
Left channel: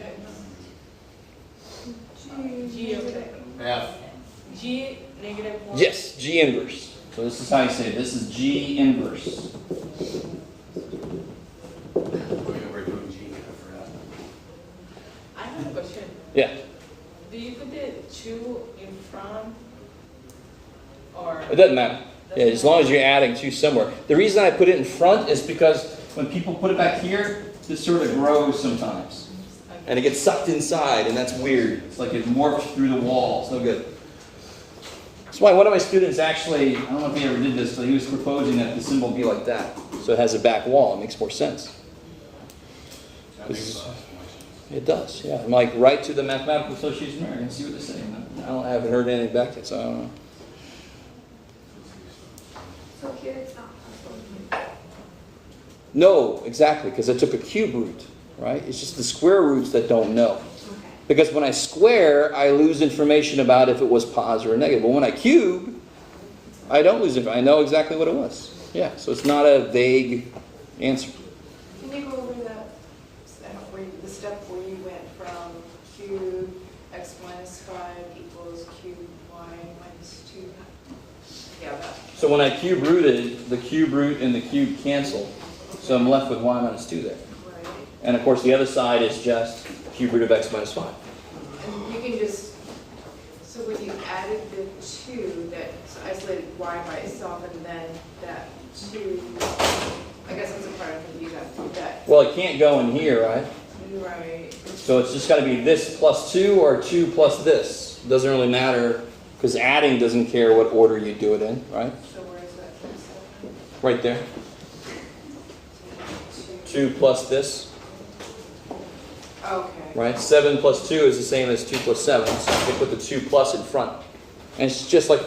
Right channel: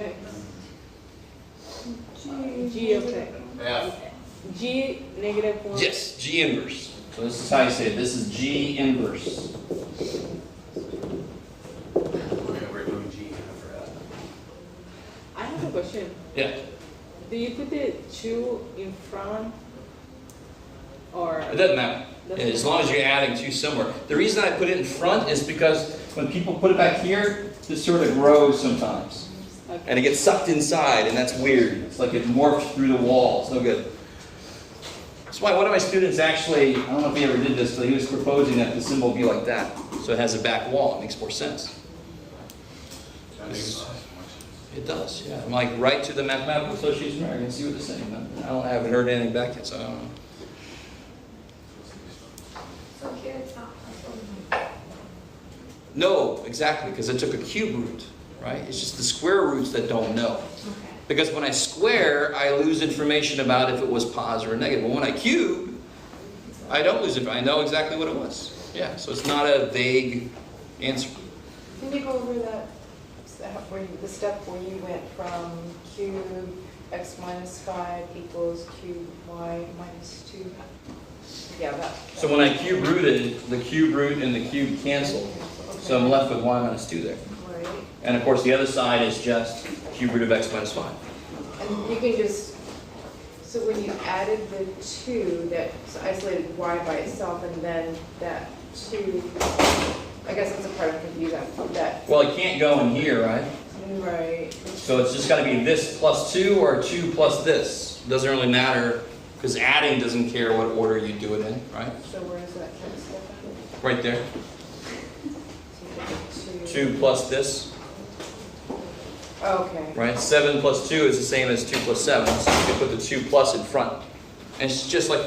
X. G of x. F. G negative 1. Yes, G inverse. So this is how you say it. This is G inverse. We're going to remove G for F. I have a question. Yeah, Do you put the 2 in front or? it doesn't matter. Yeah, as long as you're adding 2 somewhere. The reason I put it in front is because when people put it back here, it sort of grows sometimes. Okay. And it gets sucked inside, and that's weird. It's like it morphs through the wall. It's no good. That's why one of my students actually, I don't know if he ever did this, but he was proposing that the symbol be like that. So it has a back wall. It makes more sense. That makes a lot of sense. It does, yeah. I'm like, write to the Mathematical Association of America and see what they're saying. I haven't heard anything back yet, so I don't know. So here it's not possible. No, exactly, because I took a cube root, right? It's just the square roots that don't know. Okay. Because when I square, I lose information about if it was positive or negative. But when I cube, I don't lose it. I know exactly what it was. Yeah, so it's not a vague answer. Can you go over the step where you went from cube x minus 5 equals cube y minus 2? Yeah, that. So when I cube rooted, the cube root and the cube cancel. So I'm left with y minus 2 there. Right. And of course the other side is just cube root of x minus 5. And you can just, so when you added the 2, that isolated y by itself, and then that 2, I guess that's the part I'm confused on. That, Well, it can't go in here, right? right. So it's just got to be this plus 2 or 2 plus this. Doesn't really matter because adding doesn't care what order you do it in, right? So where is that from? Step? Right there. 2 plus this, Okay. right? 7 plus 2 is the same as 2 plus 7. So you can put the 2 plus in front. And it's just like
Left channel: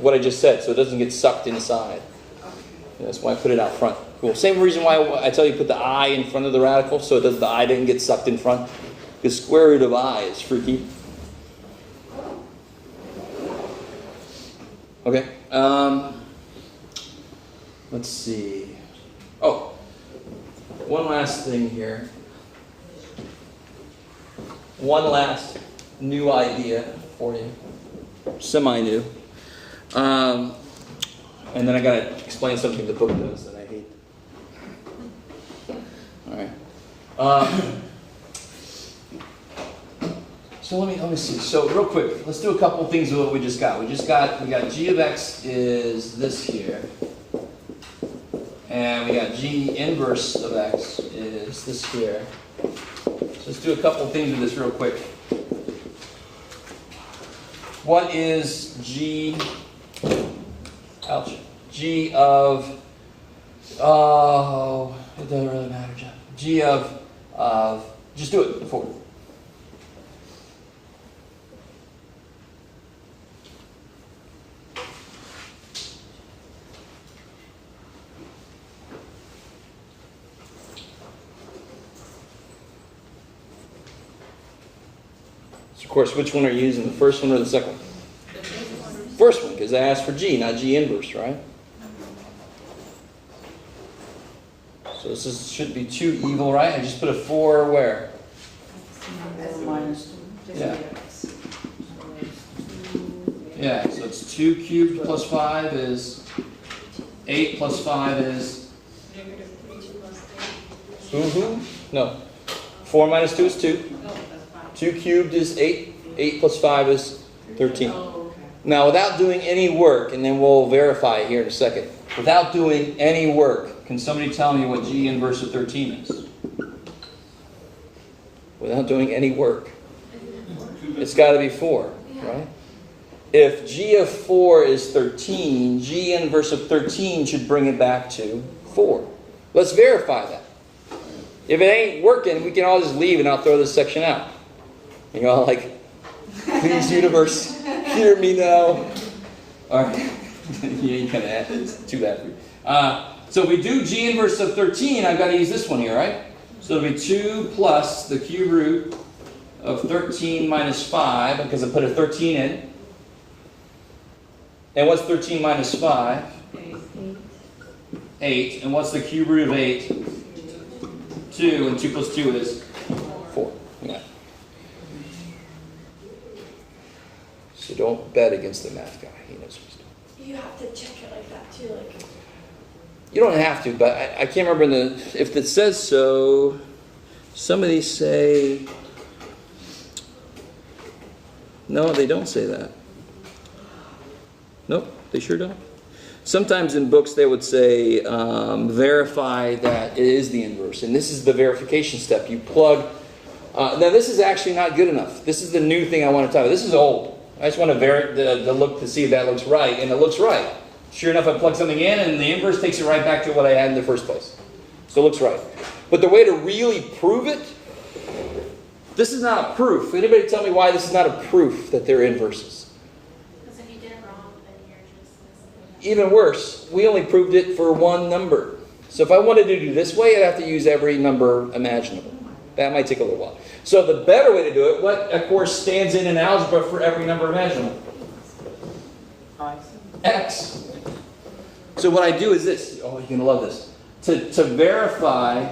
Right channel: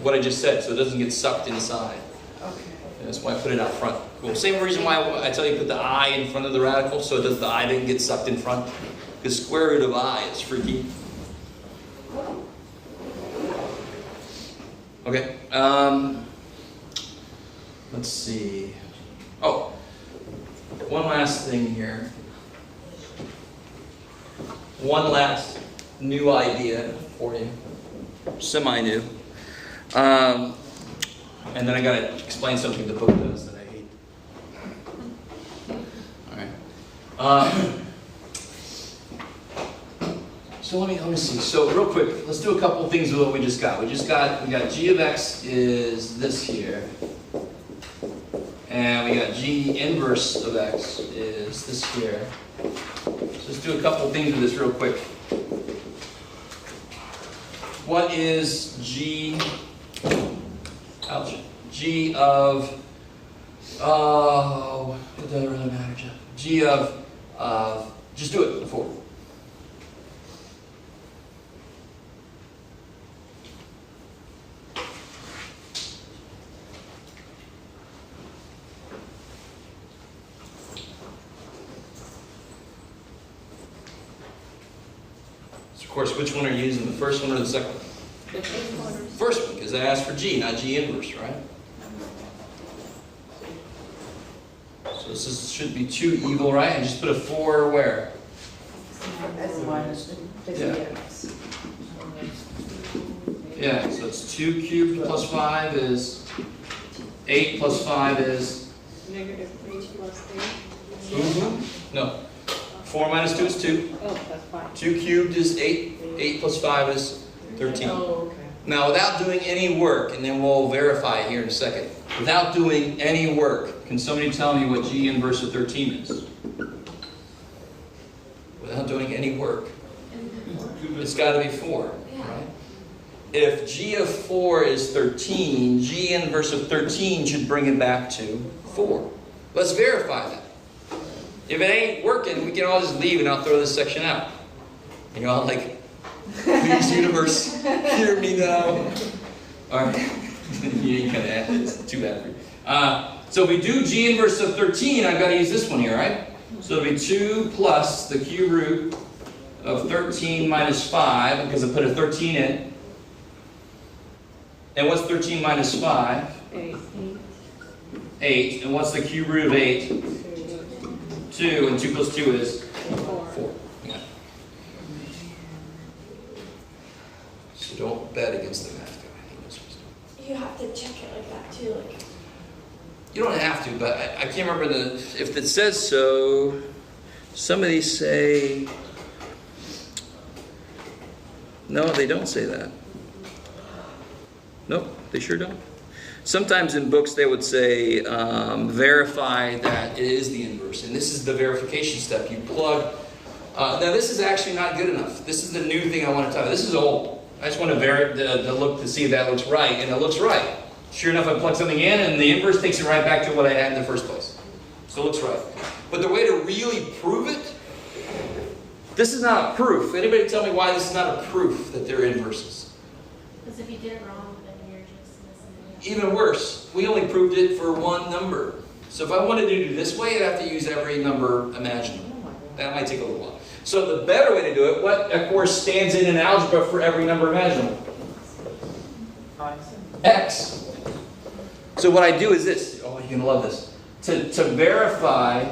what I just said, so it doesn't get sucked inside. Okay. That's why I put it out front. Cool. Same reason why I tell you put the I in front of the radical, so the I didn't get sucked in front. The square root of I is freaky. Okay. Let's see. Oh, one last thing here. One last new idea for you. Semi-new. And then I gotta explain something the book does that I hate. Alright. So let me see. So real quick, let's do a couple of things with what we just got. We got g of x is this here. And we got g inverse of x is this here. So let's do a couple of things with this real quick. What is g, ouch, g of, oh, it doesn't really matter, Jeff. G of, just do it before. Of course, which one are you using? The first one or the second one? First one, because I asked for g, not g inverse, right? So this should be 2 evil, right? I just put a 4 where? Minus 2. Yeah. Yeah, so it's 2 cubed plus 5 is 8 plus 5 is? Negative 3 plus 8. Mm-hmm. No. 4 minus 2 is 2. Oh, that's 5. 2 cubed is 8. 8 plus 5 is 13. Oh, okay. Now, without doing any work, and then we'll verify it here in a second. Without doing any work, can somebody tell me what g inverse of 13 is? Without doing any work. It's got to be 4, right? If g of 4 is 13, g inverse of 13 should bring it back to 4. Let's verify that. If it ain't working, we can all just leave and I'll throw this section out. You know, like, please, universe, hear me now. All right. You ain't kind of happy. It's too bad for you. So if we do g inverse of 13, I've got to use this one here, right? So it'll be 2 plus the cube root of 13 minus 5, because I put a 13 in. And what's 13 minus 5? 8. And what's the cube root of 8? 2. And 2 plus 2 is 4. Yeah. So don't bet against the math guy. You have to check it like that too. You don't have to, but I can't remember if it says so. Somebody say, no, they don't say that. Nope, they sure don't. Sometimes in books they would say, verify that it is the inverse. And this is the verification step. You plug. Now this is actually not good enough. This is the new thing I want to tell you. This is old. I just want to look to see if that looks right. And it looks right. Sure enough, I plug something in and the inverse takes it right back to what I had in the first place. So it looks right. But the way to really prove it, this is not a proof. Anybody tell me why this is not a proof that they're inverses? Because if you did it wrong, then you're just missing it. Even worse, we only proved it for one number. So if I wanted to do this way, I'd have to use every number imaginable. That might take a little while. So the better way to do it, what of course stands in algebra for every number imaginable? X. So what I do is this. Oh, you're going to love this. To verify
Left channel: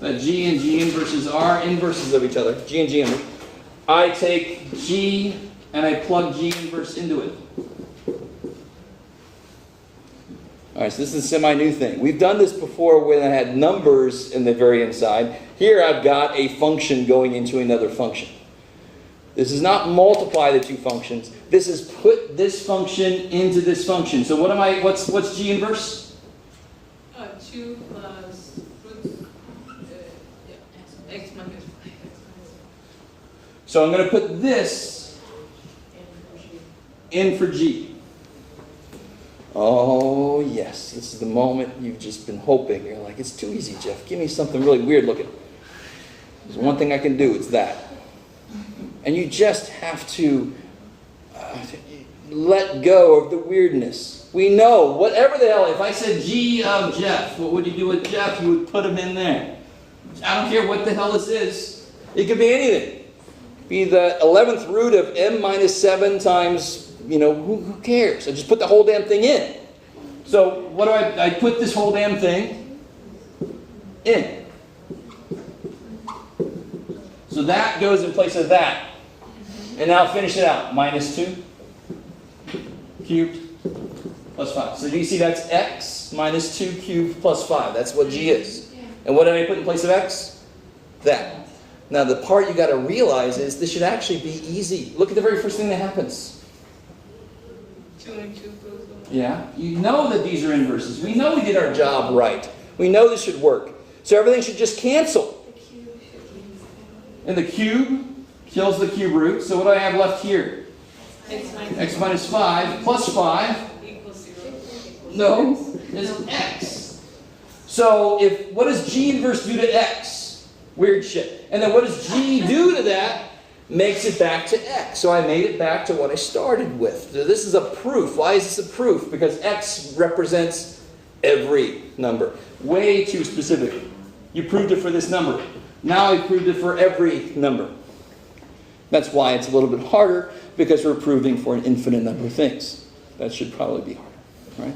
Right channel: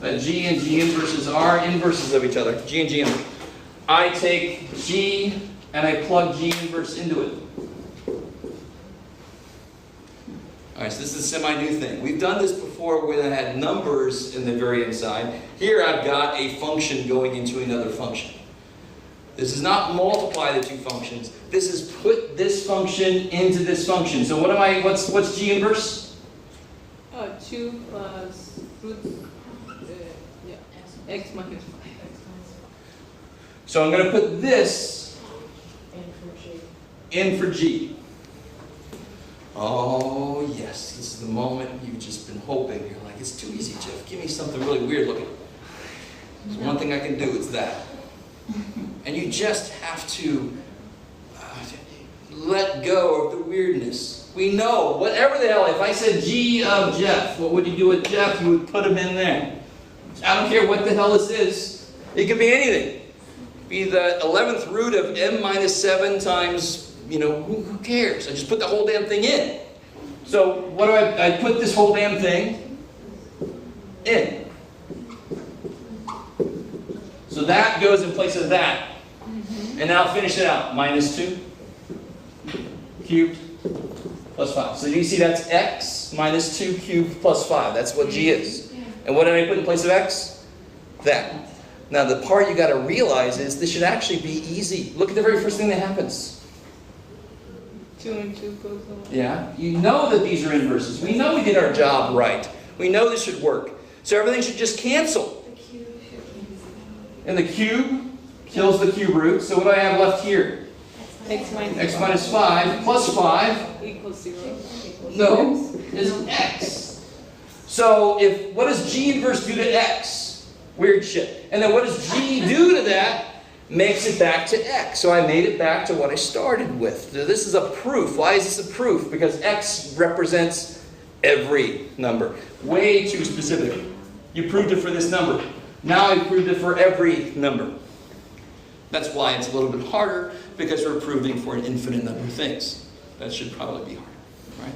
that G and G inverses are inverses of each other, G and G inverse, I take G and I plug G inverse into it. Alright, so this is a semi-new thing. We've done this before when I had numbers in the very inside. Here I've got a function going into another function. This is not multiply the two functions. This is put this function into this function. So what's G inverse? 2 plus root, x minus 5. So I'm going to put this in for G. Oh, yes. This is the moment you've just been hoping. You're like, it's too easy, Jeff. Give me something really weird looking. There's one thing I can do. It's that. And you just have to let go of the weirdness. We know, whatever the hell, if I said G of Jeff, what would you do with Jeff? You would put him in there. I don't care what the hell this is. It could be anything. Be the 11th root of m minus 7 times, who cares? I just put the whole damn thing in. So what do I put this whole damn thing in. So that goes in place of that. And now finish it out. Minus 2 cubed plus 5. So do you see that's x minus 2 cubed plus 5. That's what g is. And what did I put in place of x? That. Now the part you got to realize is this should actually be easy. Look at the very first thing that happens. 2 and 2 goes on. Yeah, you know that these are inverses. We know we did our job right. We know this should work. So everything should just cancel. And the cube kills the cube root. So what do I have left here? X minus 5 plus 5 equals 0. no, is x. So what does g inverse do to x? Weird shit. And then what does g do to that? Makes it back to x. So I made it back to what I started with. So this is a proof. Why is this a proof? Because x represents every number. Way too specific. You proved it for this number. Now I proved it for every number. That's why it's a little bit harder, because we're proving for an infinite number of things. That should probably be harder, right?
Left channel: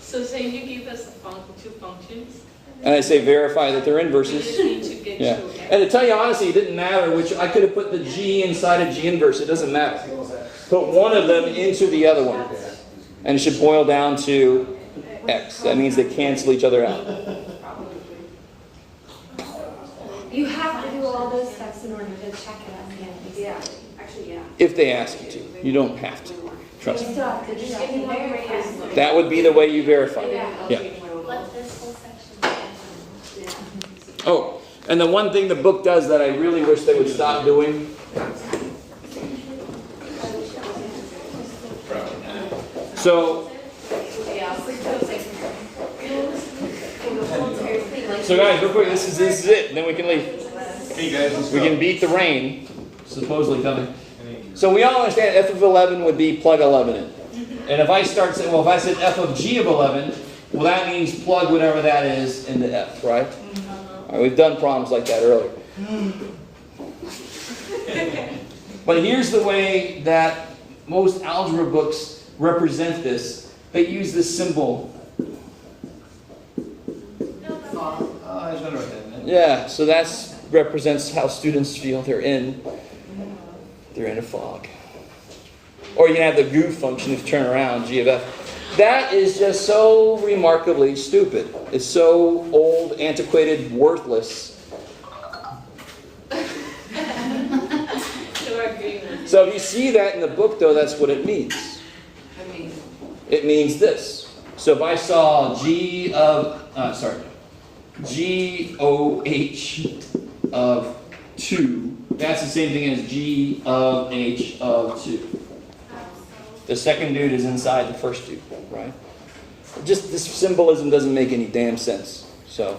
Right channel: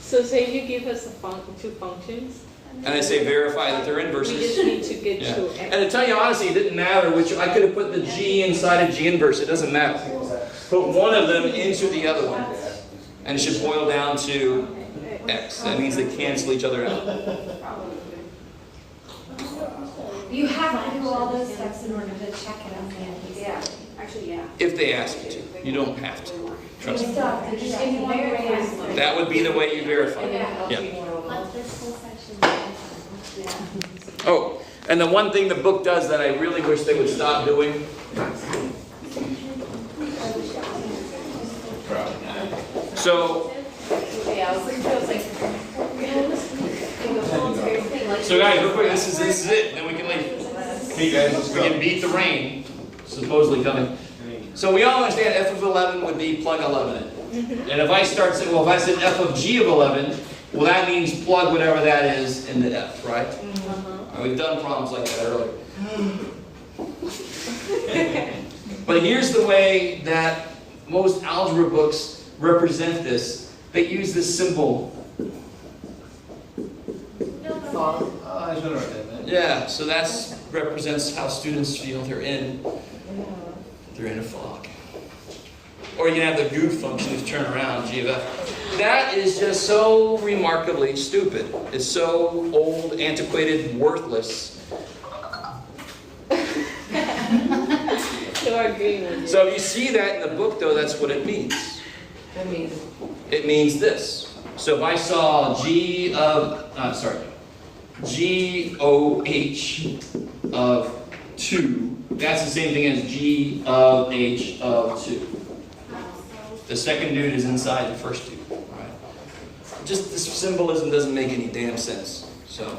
So say you give us two functions. And I say verify that they're We inverses. just need to get Yeah. to x. And to tell you honestly, it didn't matter which. I could have put the g inside of g inverse. It doesn't matter. Put one of them into the other one. And it should boil down to x. That means they cancel each other out. You have to do all those steps in order to check it out. Yeah, actually, yeah. If they ask you to. You don't have to. Trust me. Just give me one way. That would be the way you verify. Yeah. Let this whole section. Oh, and the one thing the book does that I really wish they would stop doing. So guys, real quick, this is it. Then we can leave. Hey guys, We can beat the rain, supposedly coming. So we all understand f of 11 would be plug 11 in. And if I start saying, well, if I said f of g of 11, well, that means plug whatever that is into f, right? All right, we've done problems like that earlier. But here's the way that most algebra books represent this. They use this symbol. I was gonna write that. Yeah, so that represents how students feel they're in a fog. Or you can have the goof function if you turn around, g of f. That is just so remarkably stupid. It's so old, antiquated, worthless. So if you see that in the book, though, that's what it means. It means this. So if I saw G of, G-O-H of 2, that's the same thing as G of H of 2. The second dude is inside the first dude, right? Just this symbolism doesn't make any damn sense. So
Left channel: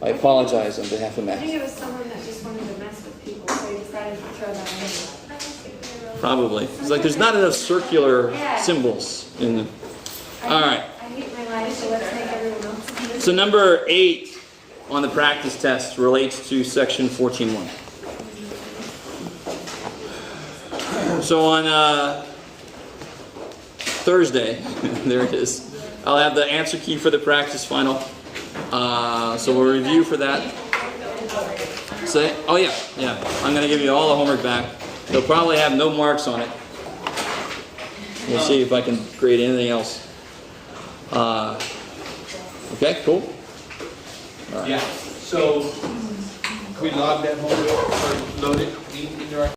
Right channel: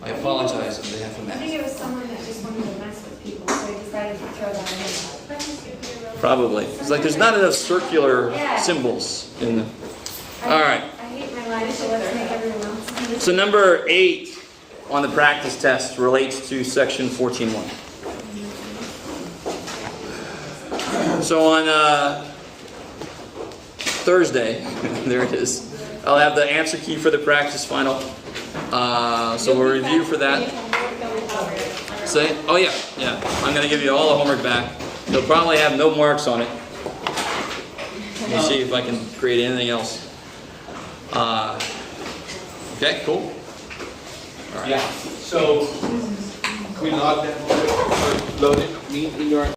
I apologize on behalf of I think Matt. it was someone that just wanted to mess with people, so they decided to throw that in. Probably. It's like there's not enough circular symbols in the... All right. I hate my life, so let's make everyone else. So number 8 on the practice test relates to section 14.1. So on Thursday, there it is, I'll have the answer key for the practice final. So we'll review for that. Say, oh yeah, I'm going to give you all the homework back. You'll probably have no marks on it. We'll see if I can create anything else. Okay, cool. All right. Yeah, so we log that, load it, meet in your